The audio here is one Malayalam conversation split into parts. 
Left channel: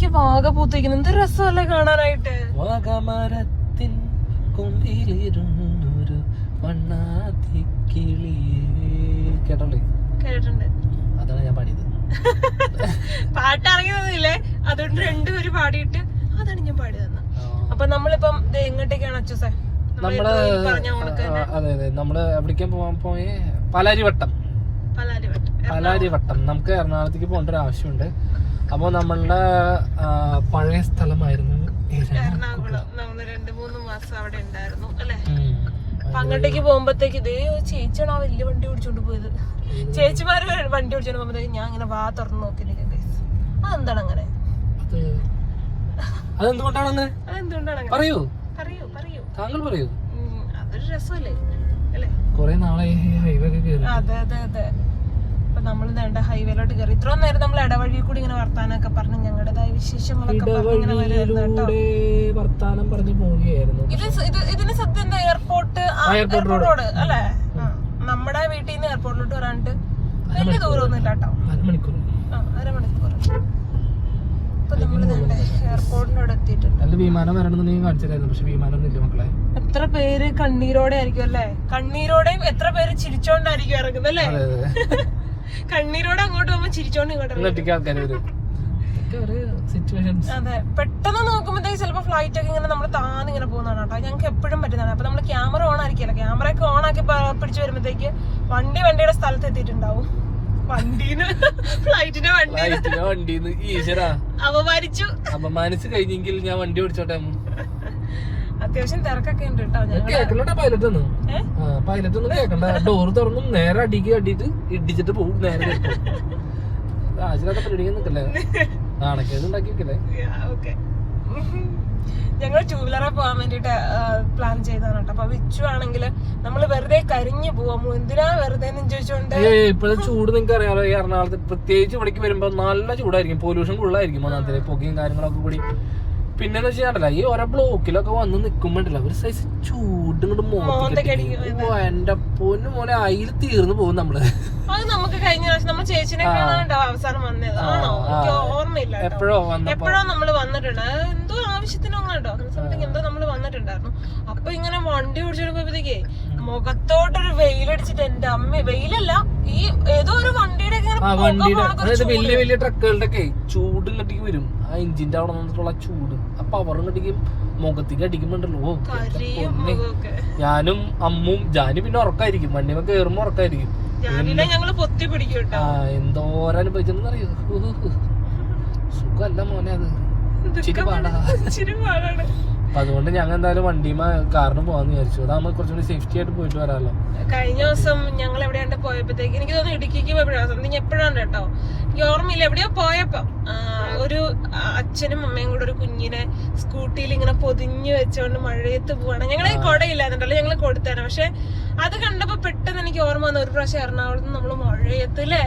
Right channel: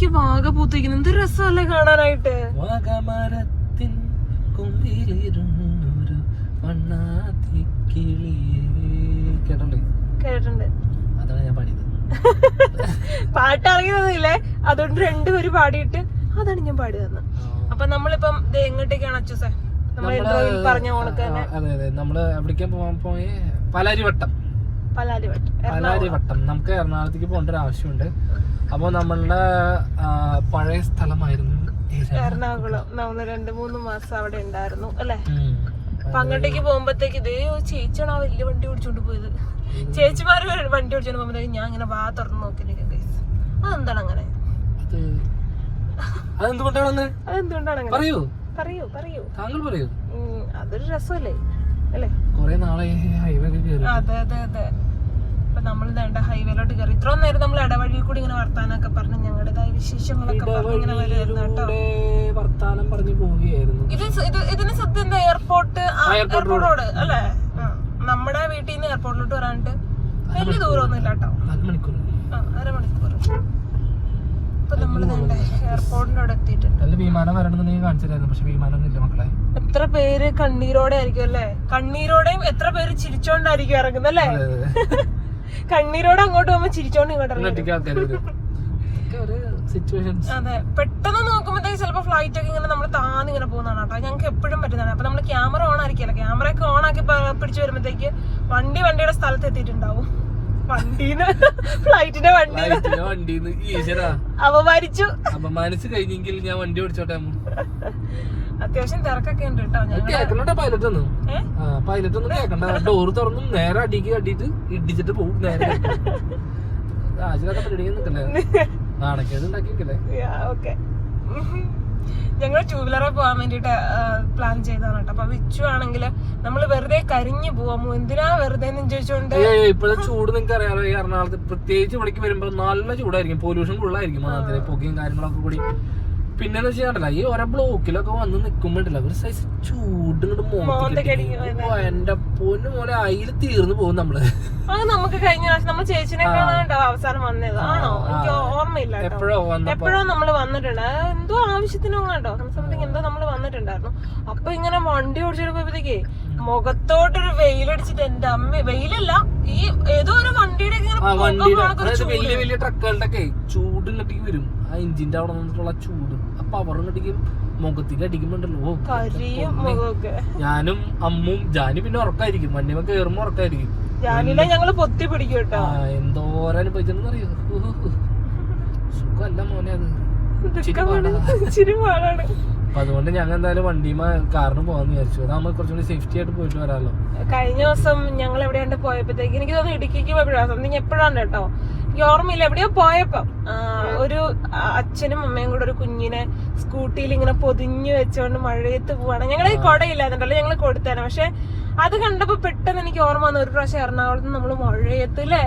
നോക്കി വാഗ പൂത്തിരിക്കുന്നു. എന്ത് രസമല്ലേ കാണാനായിട്ട്? വാഗമരത്തിൻ കൊമ്പിലിരുന്നൊരു വണ്ണാതി കേട്ടോളേ? കേട്ടിട്ടുണ്ട്. അതാണ് ഞാൻ പാടിയത്. പാട്ട് ഇറങ്ങിയതൊന്നുമില്ലേ അതുകൊണ്ട് രണ്ടുപേര് പാടിയിട്ട് അതാണ് ഞാൻ പാടി തന്നെ അപ്പൊ നമ്മളിപ്പം എങ്ങോട്ടേക്കാണ് അച്ഛസേ നമ്മൾ അതെ അതെ. നമ്മൾ എവിടേക്കാ പോവാൻ പോയി? പാലാരിവട്ടം. പലാരിവട്ടം. പാലാരിവട്ടം. നമുക്ക് എറണാകുളത്തേക്ക് പോകേണ്ട ഒരു ആവശ്യമുണ്ട്. അപ്പോൾ നമ്മളുടെ പഴയ സ്ഥലമായിരുന്നു എറണാകുളം. നമ്മൾ രണ്ട് മൂന്ന് മാസം അവിടെ ഉണ്ടായിരുന്നു അല്ലേ. അപ്പൊ അങ്ങോട്ടേക്ക് പോകുമ്പോഴത്തേക്ക് ഇതേ ചേച്ചിയാണ് ആ വലിയ വണ്ടി ഓടിച്ചോണ്ട് പോയത്. ചേച്ചിമാര് വണ്ടി ഓടിച്ചോണ്ട് പോകുമ്പോഴത്തേക്ക് ഞാൻ ഇങ്ങനെ വാ തുറന്ന്. അതെന്താണ് അങ്ങനെ? അത്. അതെന്തുകൊണ്ടാണെന്ന് അതെന്തുകൊണ്ടാണ് അങ്ങനെ? പറയൂ. പറയൂ പറയൂ. താങ്കൾ പറയൂ. അതൊരു രസമല്ലേ? അല്ലേ? കൊറേ നാളെ ഹൈവേ അതെ അതെ അതെ. അപ്പൊ നമ്മൾ വേണ്ട ഹൈവേയിലോട്ട് കയറി ഇത്രയും നേരം നമ്മൾ ഇടവഴിയിൽ കൂടി ഇങ്ങനെ വർത്താനൊക്കെ പറഞ്ഞു ഞങ്ങളുടേതായ വിശേഷങ്ങളൊക്കെ പറഞ്ഞ് ഇങ്ങനെ വരുമായിരുന്നു കേട്ടോ. ഇടവഴിയിലൂടെ വർത്താനം പറഞ്ഞു പോവുകയായിരുന്നു. ഇത് സ- ഇത് ഇതിന് സത്യം എന്താ? എയർപോർട്ട് എയർപോർട്ട് റോഡ് അല്ലേ? നമ്മുടെ വീട്ടിൽ നിന്ന് എയർപോർട്ടിലോട്ട് വരാണ്ട് വലിയ ദൂരമൊന്നും ഇല്ല കേട്ടോ. അരമണിക്കൂർ ഇപ്പൊ നമ്മൾ എയർപോർട്ടിന്റെ അവിടെ എത്തിയിട്ടുണ്ട്. നല്ല വിമാനം വരണമെന്നുണ്ടെങ്കിൽ കാണിച്ചിട്ടായിരുന്നു പക്ഷെ വിമാനം ഇല്ല മക്കളെ. എത്ര പേര് കണ്ണീരോടെ ആയിരിക്കും അല്ലേ? കണ്ണീരോടെയും എത്ര പേര് ചിരിച്ചോണ്ടായിരിക്കും ഇറങ്ങുന്നല്ലേ കണ്ണീരോടെ അങ്ങോട്ട് പോകുമ്പോ ചിരിച്ചോണ്ട് ഇങ്ങോട്ട് അതെ. പെട്ടെന്ന് നോക്കുമ്പോഴത്തേക്ക് ചിലപ്പോ ഫ്ലൈറ്റ് ഒക്കെ ഇങ്ങനെ നമ്മൾ താന്ന് ഇങ്ങനെ പോകുന്നതാണ് കേട്ടോ. ഞങ്ങൾക്ക് എപ്പോഴും പറ്റുന്നതാണ്. അപ്പൊ നമ്മൾ ക്യാമറ ഓൺ ആയിരിക്കില്ല ക്യാമറ ഒക്കെ ഓൺ ആക്കി പിടിച്ചു വരുമ്പോഴത്തേക്ക് വണ്ടി വണ്ടിയുടെ സ്ഥലത്ത് എത്തിയിട്ടുണ്ടാവും. വണ്ടീന്ന്. ഫ്ലൈറ്റിന്റെ വണ്ടി. വണ്ടിന്ന്. അപമാനിച്ചു. അപമാനിച്ച് കഴിഞ്ഞെങ്കിൽ ഞാൻ വണ്ടി ഓടിച്ചോട്ടെ അത്യാവശ്യം തിരക്കൊക്കെ ഉണ്ട് കേട്ടോ പൈലറ്റ് ഒന്നും? പൈലറ്റ് ഒന്നും കേക്കണ്ട. ഡോർ തുറന്നും നേരെ അടിക്ക് അടിയിട്ട് ഇടിച്ചിട്ട് പോകും നേരെ ആശിലൊക്കെ പരിപാടിക്കാൻ നിക്കല്ലേ? നാണക്കേട് ഉണ്ടാക്കി വെക്കല്ലേ ഞങ്ങൾ ടൂ വീലറെ പോകാൻ വേണ്ടിട്ട് പ്ലാൻ ചെയ്താണ് കേട്ടോ അപ്പൊ വിച്ചു ആണെങ്കിൽ നമ്മൾ വെറുതെ കരിഞ്ഞു പോവാമോ എന്തിനാ വെറുതെ ചോദിച്ചോണ്ട്? ഇപ്പോഴത്തെ ചൂട് നിങ്ങൾക്ക് അറിയാലോ. ഈ എറണാകുളത്ത് പ്രത്യേകിച്ച് ഇവിടേക്ക് വരുമ്പോ നല്ല ചൂടായിരിക്കും. പൊല്യൂഷൻ കൂടുതലായിരിക്കും ഒന്നാമത്തെ പുകയും കാര്യങ്ങളൊക്കെ കൂടി. പിന്നെ വെച്ചാൽ ഈ ഓരോ ബ്ലോക്കിലൊക്കെ വന്ന് നിക്കുമ്പോണ്ടല്ല ഒരു സൈസ് ചൂട് ഇങ്ങോട്ട് എന്റെ പൊന്നു മോനെ അയിൽ തീർന്നു പോകും നമ്മൾ. നമുക്ക് കഴിഞ്ഞ പ്രാവശ്യം നമ്മൾ ചേച്ചിനെ അവസാനം വന്നത്. ഓർമ്മയില്ല. എപ്പോഴോ വന്നപ്പോ. നമ്മൾ വന്നിട്ടുണ്ട്. എന്തോ ആവശ്യത്തിനും എന്തോ നമ്മൾ വന്നിട്ടുണ്ടായിരുന്നു. അപ്പൊ ഇങ്ങനെ വണ്ടി ഓടിച്ചിട്ട് പോയപ്പോഴത്തേക്ക് മുഖത്തോട്ടൊരു വെയിലടിച്ചിട്ട് എന്റെ അമ്മ വെയിലല്ല ഈ ഏതോ ഒരു വണ്ടിയുടെ. വലിയ വലിയ ട്രക്കുകളുടെ ഒക്കെ ചൂട് ഇങ്ങോട്ടേക്ക് വരും. ആ എഞ്ചിന്റെ അവിടെ നിന്നിട്ടുള്ള ചൂട്. ആ പവർ ഇങ്ങോട്ടേക്ക് മുഖത്തേക്ക് അടിക്കുമ്പോണ്ടല്ലോ. ഞാനും അമ്മും ജാനി പിന്നെ ഉറക്കായിരിക്കും. വണ്ടിമ കേറുമ്പോ ഉറക്കായിരിക്കും. എന്തോരം അനുഭവിച്ചെന്ന് അറിയോ സുഖല്ല മോനെ അത്. പാടാ. അപ്പൊ അതുകൊണ്ട് ഞങ്ങൾ എന്തായാലും വണ്ടിമ കാറിന് പോവാന്ന് വിചാരിച്ചു. അതാകുമ്പോ കുറച്ചുകൂടി സേഫ്റ്റി ആയിട്ട് പോയിട്ട് വരാമല്ലോ കഴിഞ്ഞ ദിവസം ഞങ്ങൾ എവിടെയാണ്ട് പോയപ്പോഴത്തേക്ക് എനിക്ക് തോന്നുന്നു ഇടുക്കിക്ക് പോയപ്പോഴാണ് സംതിങ് എപ്പോഴാണ് കേട്ടോ? എനിക്ക് ഓർമ്മയില്ല. എവിടെയോ പോയപ്പോ ഒരു അച്ഛനും അമ്മയും കൂടെ ഒരു കുഞ്ഞിനെ സ്കൂട്ടിയിൽ ഇങ്ങനെ പൊതിഞ്ഞു വെച്ചുകൊണ്ട് മഴയത്ത് പോവാണ്. ഞങ്ങൾ ഈ കുടയില്ലായിരുന്നല്ലോ ഞങ്ങൾ കൊടുത്തേനെ പക്ഷെ അത് കണ്ടപ്പോ പെട്ടെന്ന് എനിക്ക് ഓർമ്മ വന്നു. ഒരു പ്രാവശ്യം എറണാകുളത്ത് നമ്മൾ മഴയത്ത് അല്ലേ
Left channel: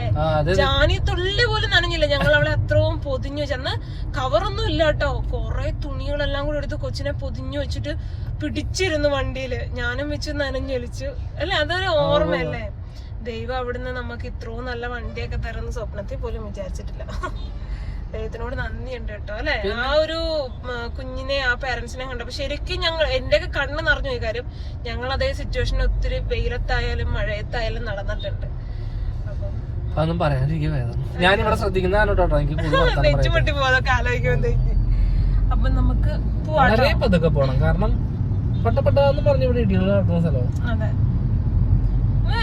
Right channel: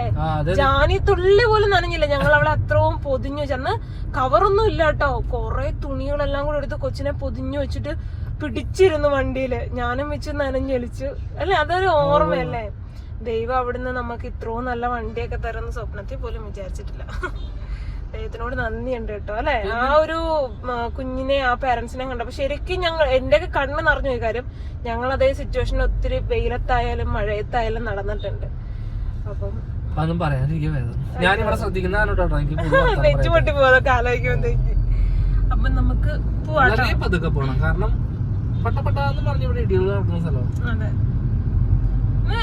ജാനി തുള്ളി പോലും നനഞ്ഞില്ല. ഞങ്ങൾ അവിടെ അത്രയും പൊതിഞ്ഞു ചെന്ന് കവറൊന്നും ഇല്ല കേട്ടോ. കൊറേ തുണികളെല്ലാം കൂടെ എടുത്ത് കൊച്ചിനെ പൊതിഞ്ഞു വെച്ചിട്ട് പിടിച്ചിരുന്നു വണ്ടിയിൽ. ഞാനും വെച്ച് നനഞ്ഞൊലിച്ചു അല്ലെ? അതൊരു ഓർമ്മയല്ലേ? ദൈവം അവിടുന്ന് നമുക്ക് ഇത്രയും നല്ല വണ്ടിയൊക്കെ തരുന്ന സ്വപ്നത്തിൽ പോലും വിചാരിച്ചിട്ടില്ല. ദൈവത്തിനോട് നന്ദിയുണ്ട് കേട്ടോ അല്ലെ? ആ ഒരു കുഞ്ഞിനെ ആ പേരൻസിനെ കണ്ടപ്പോ ശരിക്കും ഞങ്ങൾ എന്റെ ഒക്കെ കണ്ണ് നിറഞ്ഞു ഈ കാര്യം ഞങ്ങൾ അതേ സിറ്റുവേഷൻ ഒത്തിരി വെയിലത്തായാലും മഴയത്തായാലും നടന്നിട്ടുണ്ട്. അതൊന്നും പറയാനിരിക്കും ശ്രദ്ധിക്കുന്ന ഞാനിവിടെ ശ്രദ്ധിക്കുന്നതാണ് കേട്ടോ എനിക്ക് പൊട്ടി പോകുന്നൊക്കെ ആലോചിക്കുമ്പോഴത്തേക്ക് അപ്പൊ നമുക്ക് പോവാട്ടോ. വളരെ പതുക്കെ പോണം. കാരണം പെട്ട പെട്ടെന്ന് പറഞ്ഞ ഇവിടെ ഇടികൾ നടക്കുന്ന സ്ഥലമാണ്.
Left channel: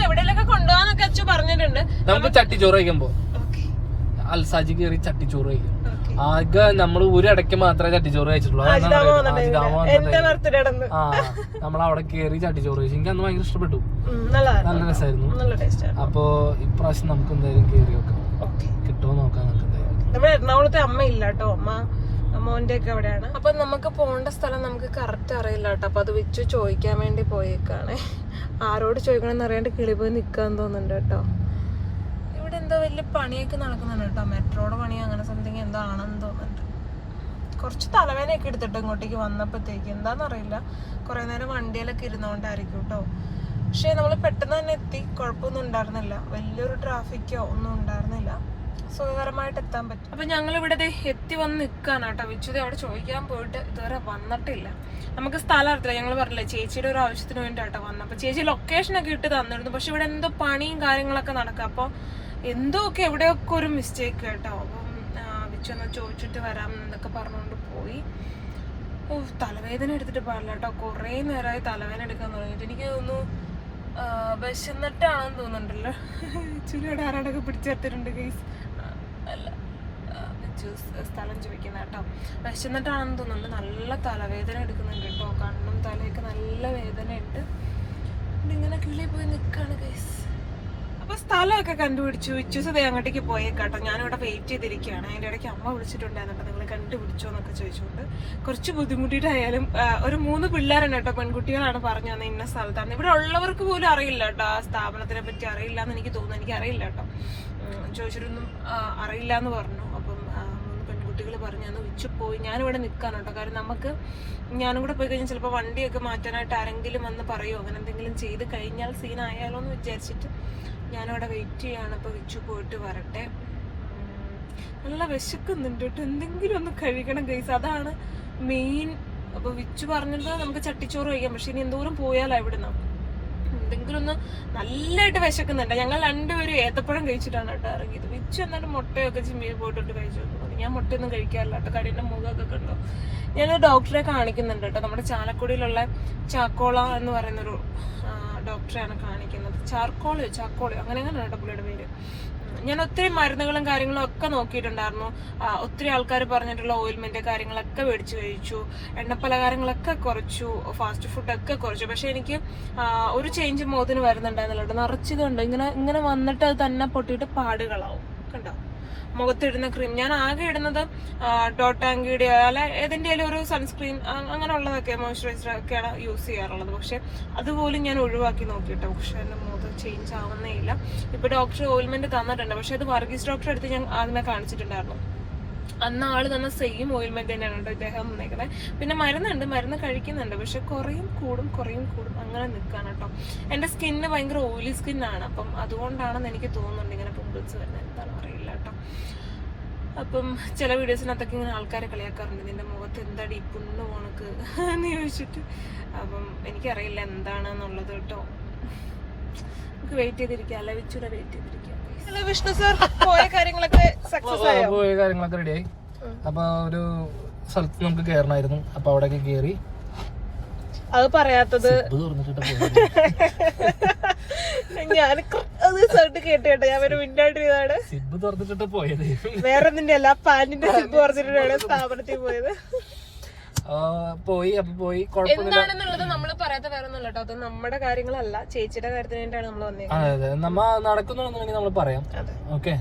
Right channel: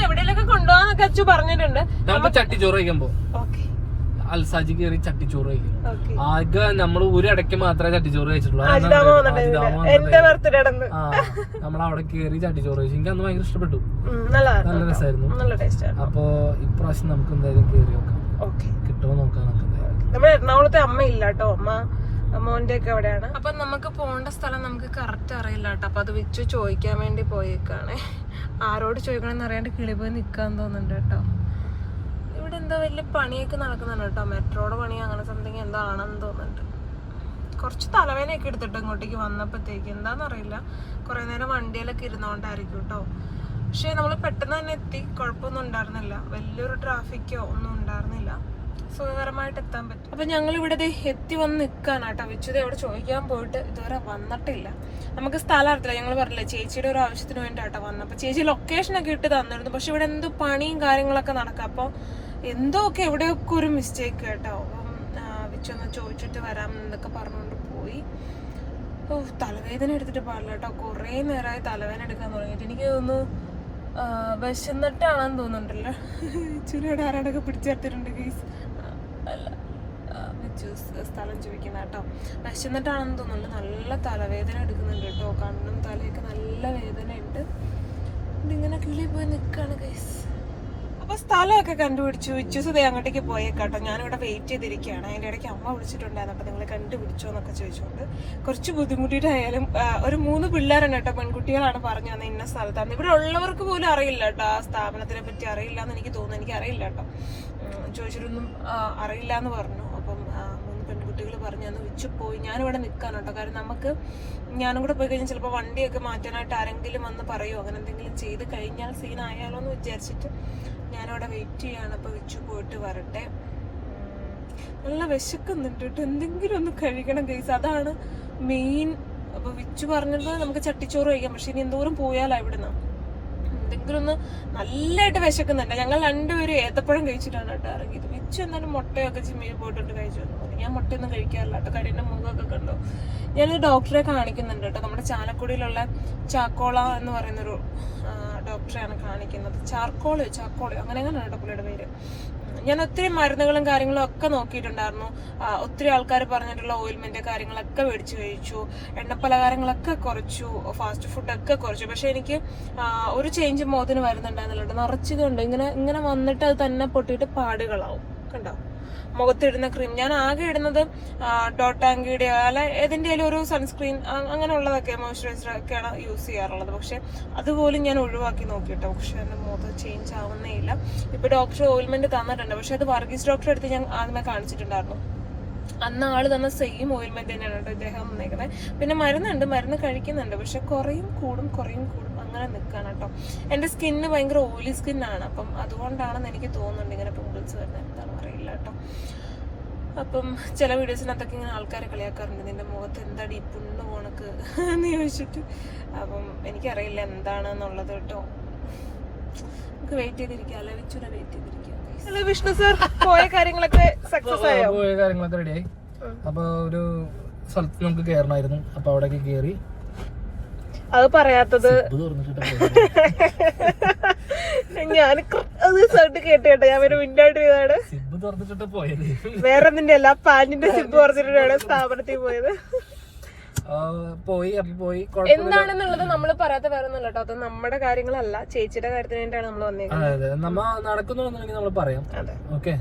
എവിടെയെങ്കിലൊക്കെ കൊണ്ടുപോകാന്നൊക്കെ അച്ചു പറഞ്ഞിട്ടുണ്ട്. നമുക്ക് ചട്ടിച്ചോറ് കഴിക്കാൻ പോകും അൽസാജി കയറി ചട്ടിച്ചോറ് കഴിക്കും. ആകെ നമ്മൾ ഒരിടയ്ക്ക് മാത്രമേ ചട്ടിച്ചോറ് കഴിച്ചിട്ടുള്ളൂ. അതെന്താ പറയുക എന്റെ ബർത്ത്ഡേ ആ നമ്മൾ അവിടെ കയറി ചട്ടിച്ചോറ് കഴിച്ചു. എനിക്ക് അന്ന് ഭയങ്കര ഇഷ്ടപ്പെട്ടു. നല്ല രസമായിരുന്നു അപ്പോ ഇപ്രാവശ്യം നമുക്ക് എന്തായാലും കയറി നോക്കാം. കിട്ടുമോ നോക്കാം നമുക്ക് എന്തായാലും. എറണാകുളത്തെ അമ്മ ഇല്ല കേട്ടോ. അമ്മ അപ്പൊ നമുക്ക് പോകേണ്ട സ്ഥലം നമുക്ക് കറക്റ്റ് അറിയില്ല കേട്ടോ. അപ്പൊ അത് വെച്ച് ചോദിക്കാൻ വേണ്ടി പോയേക്കാണ്. ആരോട് ചോദിക്കണമെന്ന് അറിയാണ്ട് കിളി പോയി നിക്കാൻ തോന്നുന്നുണ്ട് കേട്ടോ. ഇവിടെ എന്തോ വലിയ പണിയൊക്കെ നടക്കുന്നുണ്ട് കേട്ടോ. മെട്രോയുടെ പണി അങ്ങനെ സംതിങ് എന്തോ ആണെന്ന് തോന്നുന്നുണ്ട്. കുറച്ച് തലവേദനയൊക്കെ എടുത്തിട്ട് ഇങ്ങോട്ടേക്ക് വന്നപ്പോഴത്തേക്ക്. എന്താണെന്നറിയില്ല കുറേ നേരം വണ്ടിയിലൊക്കെ ഇരുന്നോണ്ടായിരിക്കും കേട്ടോ. പക്ഷേ നമ്മൾ പെട്ടെന്ന് തന്നെ എത്തി. കുഴപ്പമൊന്നും ഉണ്ടായിരുന്നില്ല. വലിയൊരു ട്രാഫിക്കോ ഒന്നും ഉണ്ടായിരുന്നില്ല. സുഖകരമായിട്ട് എത്താൻ പറ്റും. അപ്പൊ ഞങ്ങൾ ഇവിടെ എത്തി വന്ന് നിൽക്കാണ് കേട്ടോ. വിച്ചുത അവിടെ ചോദിക്കാൻ പോയിട്ട് ഇതുവരെ വന്നിട്ടില്ല. നമുക്ക് സ്ഥലം അറിയില്ല ഞങ്ങൾ പറഞ്ഞില്ല ചേച്ചിയുടെ ഒരു ആവശ്യത്തിന് വേണ്ടിയിട്ടാ വന്നത്. അപ്പൊ ചേച്ചി ലൊക്കേഷൻ ഒക്കെ ഇട്ട് തന്നിരുന്നു. പക്ഷെ ഇവിടെ എന്തോ പണിയും കാര്യങ്ങളൊക്കെ നടക്കുക അപ്പൊ എന്തോ ഒക്കെ എവിടെയൊക്കെ ഒരു മിസ്റ്റേക്ക് കേട്ടോ. അപ്പം വിച്ചു ഒന്ന് ചോദിച്ചിട്ട് വരാം എന്നൊക്കെ പറഞ്ഞുകൊണ്ട് പോയി. ഓ തലവേദന എടുത്തിട്ട് പാടില്ല കേട്ടോ. കുറേ നേരമായി തലവേദന എടുക്കാൻ തുടങ്ങിയിട്ട്. എനിക്ക് തോന്നുന്നു വിശന്നിട്ടാണെന്ന് തോന്നുന്നുണ്ടല്ലോ. ചുരുവിടെ ആരാടൊക്കെ പിടിച്ചെടുത്തിട്ടുണ്ട് ഗൈസ് സ്ഥലം ജീവിക്കുന്ന കേട്ടോ. വിശന്നിട്ടാണെന്ന് തോന്നുന്നുണ്ട് നല്ല തലവേദന എടുക്കുന്നുണ്ട് കേട്ടോ. കണ്ണും തലയൊക്കെ നല്ല വേദനയുണ്ട്. ഇങ്ങനെ കിളി പോയി നിൽക്കുകയാണ് ഗൈസ് അപ്പൊ സ്ഥലമൊക്കെ കണ്ടുപിടിച്ചു. വിശ്വസത അങ്ങോട്ടേക്ക് പോയേക്കാട്ടോ. ഞാനിവിടെ വെയിറ്റ് ചെയ്തിരിക്കുകയാണ്. അതിന്റെ ഇടയ്ക്ക് അമ്മ വിളിച്ചിട്ടുണ്ടായിരുന്നു. അപ്പൊ നിങ്ങൾ കണ്ടുപിടിച്ചോ എന്നൊക്കെ ചോദിച്ചുകൊണ്ട്. കുറച്ച് ബുദ്ധിമുട്ടിയിട്ടായാലും ആ, ഒരു മൂന്ന് പിള്ളേരാണ് കേട്ടോ. പെൺകുട്ടികളാണ് പറഞ്ഞു തന്നെ ഇന്ന സ്ഥലത്താണ് ഇവിടെ ഉള്ളവർക്ക് പോലും അറിയില്ല കേട്ടോ. ആ സ്ഥാപനത്തിനെ പറ്റി അറിയില്ല എന്ന് എനിക്ക് തോന്നുന്നു. എനിക്ക് അറിയില്ല കേട്ടോ. ചോദിച്ചിട്ടൊന്നും അറിയില്ല എന്ന് പറഞ്ഞു. അപ്പം മൂന്ന് പെൺകുട്ടികൾ പറഞ്ഞു അന്ന് വിച്ചു പോയി. ഞാനിവിടെ നിൽക്കാൻ കേട്ടോ. കാരണം നമുക്ക് ഞാനും കൂടെ പോയി കഴിഞ്ഞാൽ ചിലപ്പോൾ വണ്ടിയൊക്കെ മാറ്റാനായിട്ട് ആരെങ്കിലും വന്ന് പറയുമോ അങ്ങനെ എന്തെങ്കിലും ചെയ്ത് കഴിഞ്ഞാൽ സീനായാലോ എന്ന് വിചാരിച്ചിട്ട് ഞാനവിടെ വെയിറ്റ് ചെയ്യാണ്. അപ്പോൾ വിച്ചു പോയിട്ട് വരട്ടെ. നല്ല വിശക്കുന്നുണ്ട് കേട്ടോ. എന്തെങ്കിലും ഒന്ന് കഴിക്കണം ഗൈസ് അതാണ് മെയിൻ അപ്പോൾ വിച്ചു പറഞ്ഞത് നമുക്ക് ചട്ടിച്ചോറ് കഴിക്കാം. പക്ഷെ ഇനി എന്തോരം പോയാലോ ഇവിടുന്ന്. എന്തെങ്കിലും ഒന്ന് നല്ലതായിട്ട് വിശക്കുന്നുണ്ട്. ഞങ്ങൾ രണ്ടുപേരും ഏത്തപ്പഴം കഴിച്ചിട്ടാണ് കേട്ടോ ഇറങ്ങിയത്. വിച്ചു എന്നാലും മുട്ടയൊക്കെ ചിമ്മിയിൽ പോയിട്ടുണ്ട് കഴിച്ചു തോന്നുന്നു ഞാൻ മുട്ടയൊന്നും കഴിക്കാറില്ല കേട്ടോ. കടീന്റെ മുഖമൊക്കെ കണ്ടു. ഞാനൊരു ഡോക്ടറെ കാണിക്കുന്നുണ്ട് കേട്ടോ. നമ്മുടെ ചാലക്കുടിയിലുള്ള ചാക്കോള എന്ന് പറയുന്നൊരു ഡോക്ടറെയാണ് കാണിക്കുന്നത്. ചാർക്കോൾ ചാക്കോൾ അങ്ങനെ അങ്ങനെ കേട്ടോ പുള്ളിയുടെ പേര്. ഞാൻ ഒത്തിരി മരുന്നുകളും കാര്യങ്ങളും ഒക്കെ നോക്കിയിട്ടുണ്ടായിരുന്നു. ഒത്തിരി ആൾക്കാർ പറഞ്ഞിട്ടുള്ള ഓയിൽമെന്റ് കാര്യങ്ങളൊക്കെ മേടിച്ചു കഴിച്ചു. എണ്ണപ്പലഹാരങ്ങളൊക്കെ കുറച്ചു. ഫാസ്റ്റ് ഫുഡൊക്കെ കുറച്ചു. പക്ഷെ എനിക്ക് ഒരു ചേഞ്ച് മുഖത്തിന് വരുന്നുണ്ടായിരുന്നില്ല നിറച്ചതുണ്ട് ഇങ്ങനെ ഇങ്ങനെ വന്നിട്ട് അത് തന്നെ പൊട്ടിയിട്ട് പാടുകളാവും. കണ്ടോ? മുഖത്തിടുന്ന ക്രീം ഞാൻ ആകെ ഇടുന്നത് ഡോട്ടാങ്കിയുടെ അല്ല ഏതിന്റെയും ഒരു സൺസ്ക്രീൻ അങ്ങനെയുള്ളതൊക്കെ മോയ്സ്ചറൈസർ ഒക്കെയാണ് യൂസ് ചെയ്യാറുള്ളത്. പക്ഷെ അതുപോലും ഞാൻ ഒഴിവാക്കി നോക്കിയിട്ടോ. പക്ഷെ എന്റെ മുഖത്ത് ചേഞ്ച് ആവുന്നേ ഇല്ല. ഇപ്പൊ ഡോക്ടർ ഓയിൽമെന്റ് തന്നിട്ടുണ്ട്. പക്ഷെ അത് വർഗീസ് ഡോക്ടറെ അടുത്ത് ഞാൻ ആദ്യമേ കാണിച്ചിട്ടുണ്ടായിരുന്നു. അന്ന് ആൾ തന്ന സെയിം ഓയിൽമെന്റ് തന്നെയാണ് കേട്ടോ ഇദ്ദേഹം വന്നേക്കുന്നത് പിന്നെ മരുന്നുണ്ട് മരുന്ന് കഴിക്കുന്നുണ്ട്. പക്ഷെ കുറയും കൂടും കുറയും കൂടും. അങ്ങനെ നിൽക്കാണ് കേട്ടോ. എന്റെ സ്കിന്ന് ഭയങ്കര ഓയിലി സ്കിന്നാണ്. അപ്പം അതുകൊണ്ടാണെന്ന് എനിക്ക് തോന്നുന്നുണ്ട് ഇങ്ങനെ പിമ്പിൾസ് വരുന്നത് എന്താണെന്ന് അറിയില്ല കേട്ടോ. അപ്പം ചില വീഡിയോസിനകത്തൊക്കെ ഇങ്ങനെ ആൾക്കാരെ കളിയാക്കാറുണ്ട്. നിന്റെ മുഖത്ത് എന്താടി ഈ പുണ്ണ് പോണക്ക് എന്ന് ചോദിച്ചിട്ട്. അപ്പം എനിക്കറിയില്ല എന്താണെന്നുള്ളത് കേട്ടോ. നമുക്ക് വെയിറ്റ് ചെയ്തിരിക്കാം. അല്ല വിച്ചുനെ വെയിറ്റ് ചെയ്തിരിക്കാം വിഷ്ണു സർ പോയ കാര്യങ്ങളൊക്കെ സക്സസ് ആയോ? പോയ കാര്യങ്ങളൊക്കെ റെഡിയായി അപ്പൊ ഒരു സ്ഥലത്ത് നമുക്ക് കയറണമായിരുന്നു അപ്പൊ അവിടെയൊക്കെ കയറി അത് പറയാത്തത് ഞാൻ അത് സൗണ്ട് കേട്ടേട്ടെ ഞാൻ ഒരു മിണ്ടായിട്ട് ചെയ്താണ് സിബ് തുറന്നിട്ട് പോയത്? വേറെ നിന്റെ അല്ല പാനിന്റെ സിബ് തുറന്നിട്ടാണ് സ്ഥാപനത്തിൽ പോയത്. പോയി അപ്പൊ പോയി. എന്താണെന്നുള്ളത് നമ്മൾ പറയാത്ത വേറെ ഒന്നും അത് നമ്മുടെ കാര്യങ്ങളല്ല. ചേച്ചിയുടെ കാര്യത്തിന് വേണ്ടിയാണ് നമ്മൾ വന്നത് അതെ അതെ. നമ്മ നടക്കുന്നുണ്ടെന്നുണ്ടെങ്കിൽ നമ്മൾ പറയാം. ഓക്കെ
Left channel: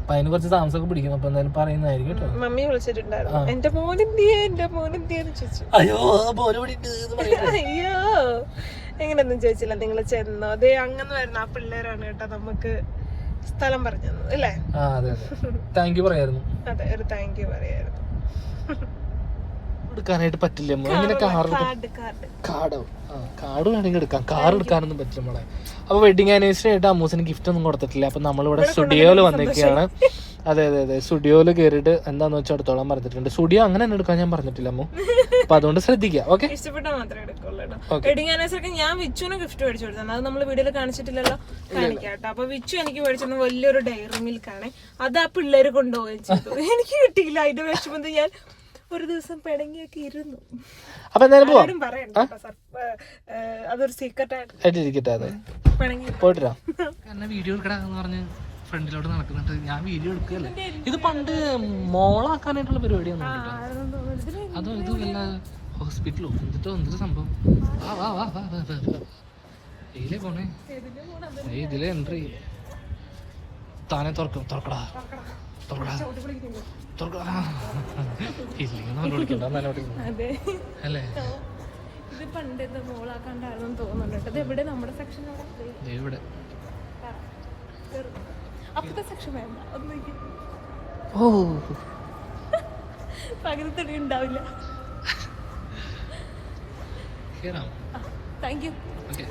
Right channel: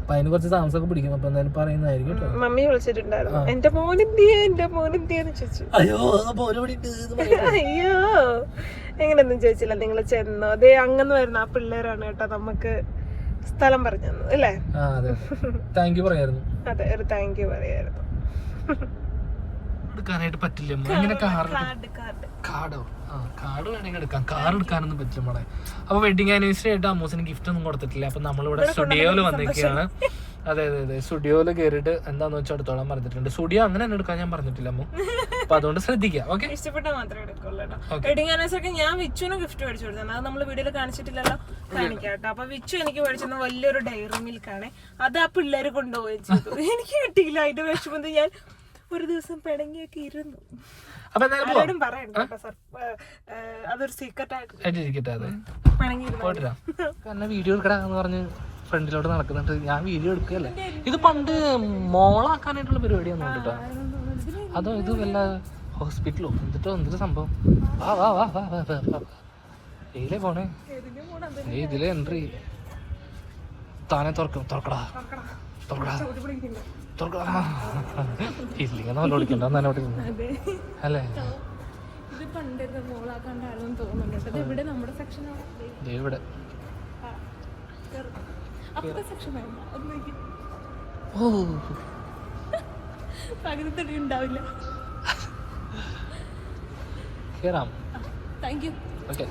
അപ്പൊ അതിന് കുറച്ച് താമസമൊക്കെ പിടിക്കും. അപ്പൊ എന്തായാലും പറയുന്നതായിരിക്കും കേട്ടോ. മമ്മി വിളിച്ചിട്ടുണ്ടായിരുന്നു. എന്റെ മോനെത്തിയേ എന്റെ ചോദിച്ചു. അയ്യോ പോലെ അയ്യോ. എങ്ങനെയൊന്നും ചോദിച്ചില്ല. നിങ്ങൾ ചെന്നോ. അതെ അങ്ങനെ വരുന്ന ആ പിള്ളേരാണ് കേട്ടോ നമുക്ക് സ്ഥലം പറഞ്ഞു തന്നത് അല്ലേ? ആ അതെ അതെ. താങ്ക് യു പറയായിരുന്നു. അതെ ഒരു താങ്ക് യു പറയായിരുന്നു. എടുക്കാനായിട്ട് പറ്റില്ല അമ്മ. ഇങ്ങനെ കാർ കാർഡ് കാർഡ് കാർഡോ. ആ കാർഡ് വേണമെങ്കിൽ എടുക്കാം. കാർ എടുക്കാനൊന്നും പറ്റില്ല നമ്മളെ അപ്പൊ വെഡിങ് ആനിവേഴ്സറി ആയിട്ട് അമ്മൂസിന് ഗിഫ്റ്റ് ഒന്നും കൊടുത്തിട്ടില്ല. അപ്പൊ നമ്മളിവിടെ സ്റ്റുഡിയോയിൽ വന്നേക്കാണ് അതെ അതെ അതെ. സ്റ്റുഡിയോയിൽ കയറിയിട്ട് എന്താന്ന് വെച്ചാൽ എടുത്തോളാൻ പറഞ്ഞിട്ടുണ്ട്. സ്റ്റുഡിയോ അങ്ങനെ തന്നെ എടുക്കാൻ ഞാൻ പറഞ്ഞിട്ടില്ല അമ്മ. അപ്പൊ അതുകൊണ്ട് ശ്രദ്ധിക്കാം ഓക്കെ? ഇഷ്ടപ്പെട്ടാൽ മാത്രമേ എടുക്കുള്ളൂ. വെഡിങ് ആനിവേഴ്സറിക്ക് ഞാൻ വിച്ചുവിന് ഗിഫ്റ്റ് മേടിച്ചു കൊടുത്തത് അത് നമ്മൾ വീഡിയോയിൽ കാണിച്ചിട്ടില്ലല്ലോ? കാണിക്കാട്ടോ അപ്പൊ വിച്ചു എനിക്ക് മേടിച്ചത് വലിയൊരു ഡയറി മിൽക്കാണ് അത് ആ പിള്ളേര് കൊണ്ടുപോയി ചെയ്തു. എനിക്ക് കിട്ടിയില്ല. അതിന്റെ വിഷമം ഞാൻ ഒരു ദിവസം പിണങ്ങിയൊക്കെ ഇരുന്നു. അപ്പൊ എന്തായാലും പോവാം. ആരോടും പറയണ്ട കേട്ടോ സർ അതൊരു സീക്രട്ട് ആയിട്ട്. ആയിട്ടിരിക്കട്ടെ അതെ പിണങ്ങിയിരുന്നു. പോയിട്ടാ കാരണം വീഡിയോ എടുക്കടാന്ന് പറഞ്ഞ് ഫ്രണ്ടിലോട്ട് നടക്കുന്നുണ്ട്. ഞാൻ വീഡിയോ എടുക്കുകയല്ലേ? ഇത് പണ്ട് മോളാക്കാനായിട്ടുള്ള പരിപാടിയാണ് കേട്ടോ അതോ ഇത് വല്ല ഹോസ്പിറ്റലോ? എന്നിട്ടോ എന്തൊരു സംഭവം? വാ വാ വാ വാ വാ വാ വാ. ഇതിലേ പോണേ. ഇതിലെ എൻട്രി താനെ തുറക്കും തുറക്കടാ. തുറക്കടാ. ഇല്ലെങ്കിൽ നല്ല ഓടിക്കുന്നു നല്ല ഓടിക്കുന്നു അല്ലേ? ഇത് തോന്നുന്നുണ്ട്. ഇത് എവിടെ? നമ്മുടെ സെക്ഷനാണ് ഇവിടെ. അപ്പത്തെ സെക്ഷൻ വേണ്ട. ഓ. പകുതി തടി ഉണ്ടാവില്ല. കേറാം. താങ്ക് യു ഓക്കെ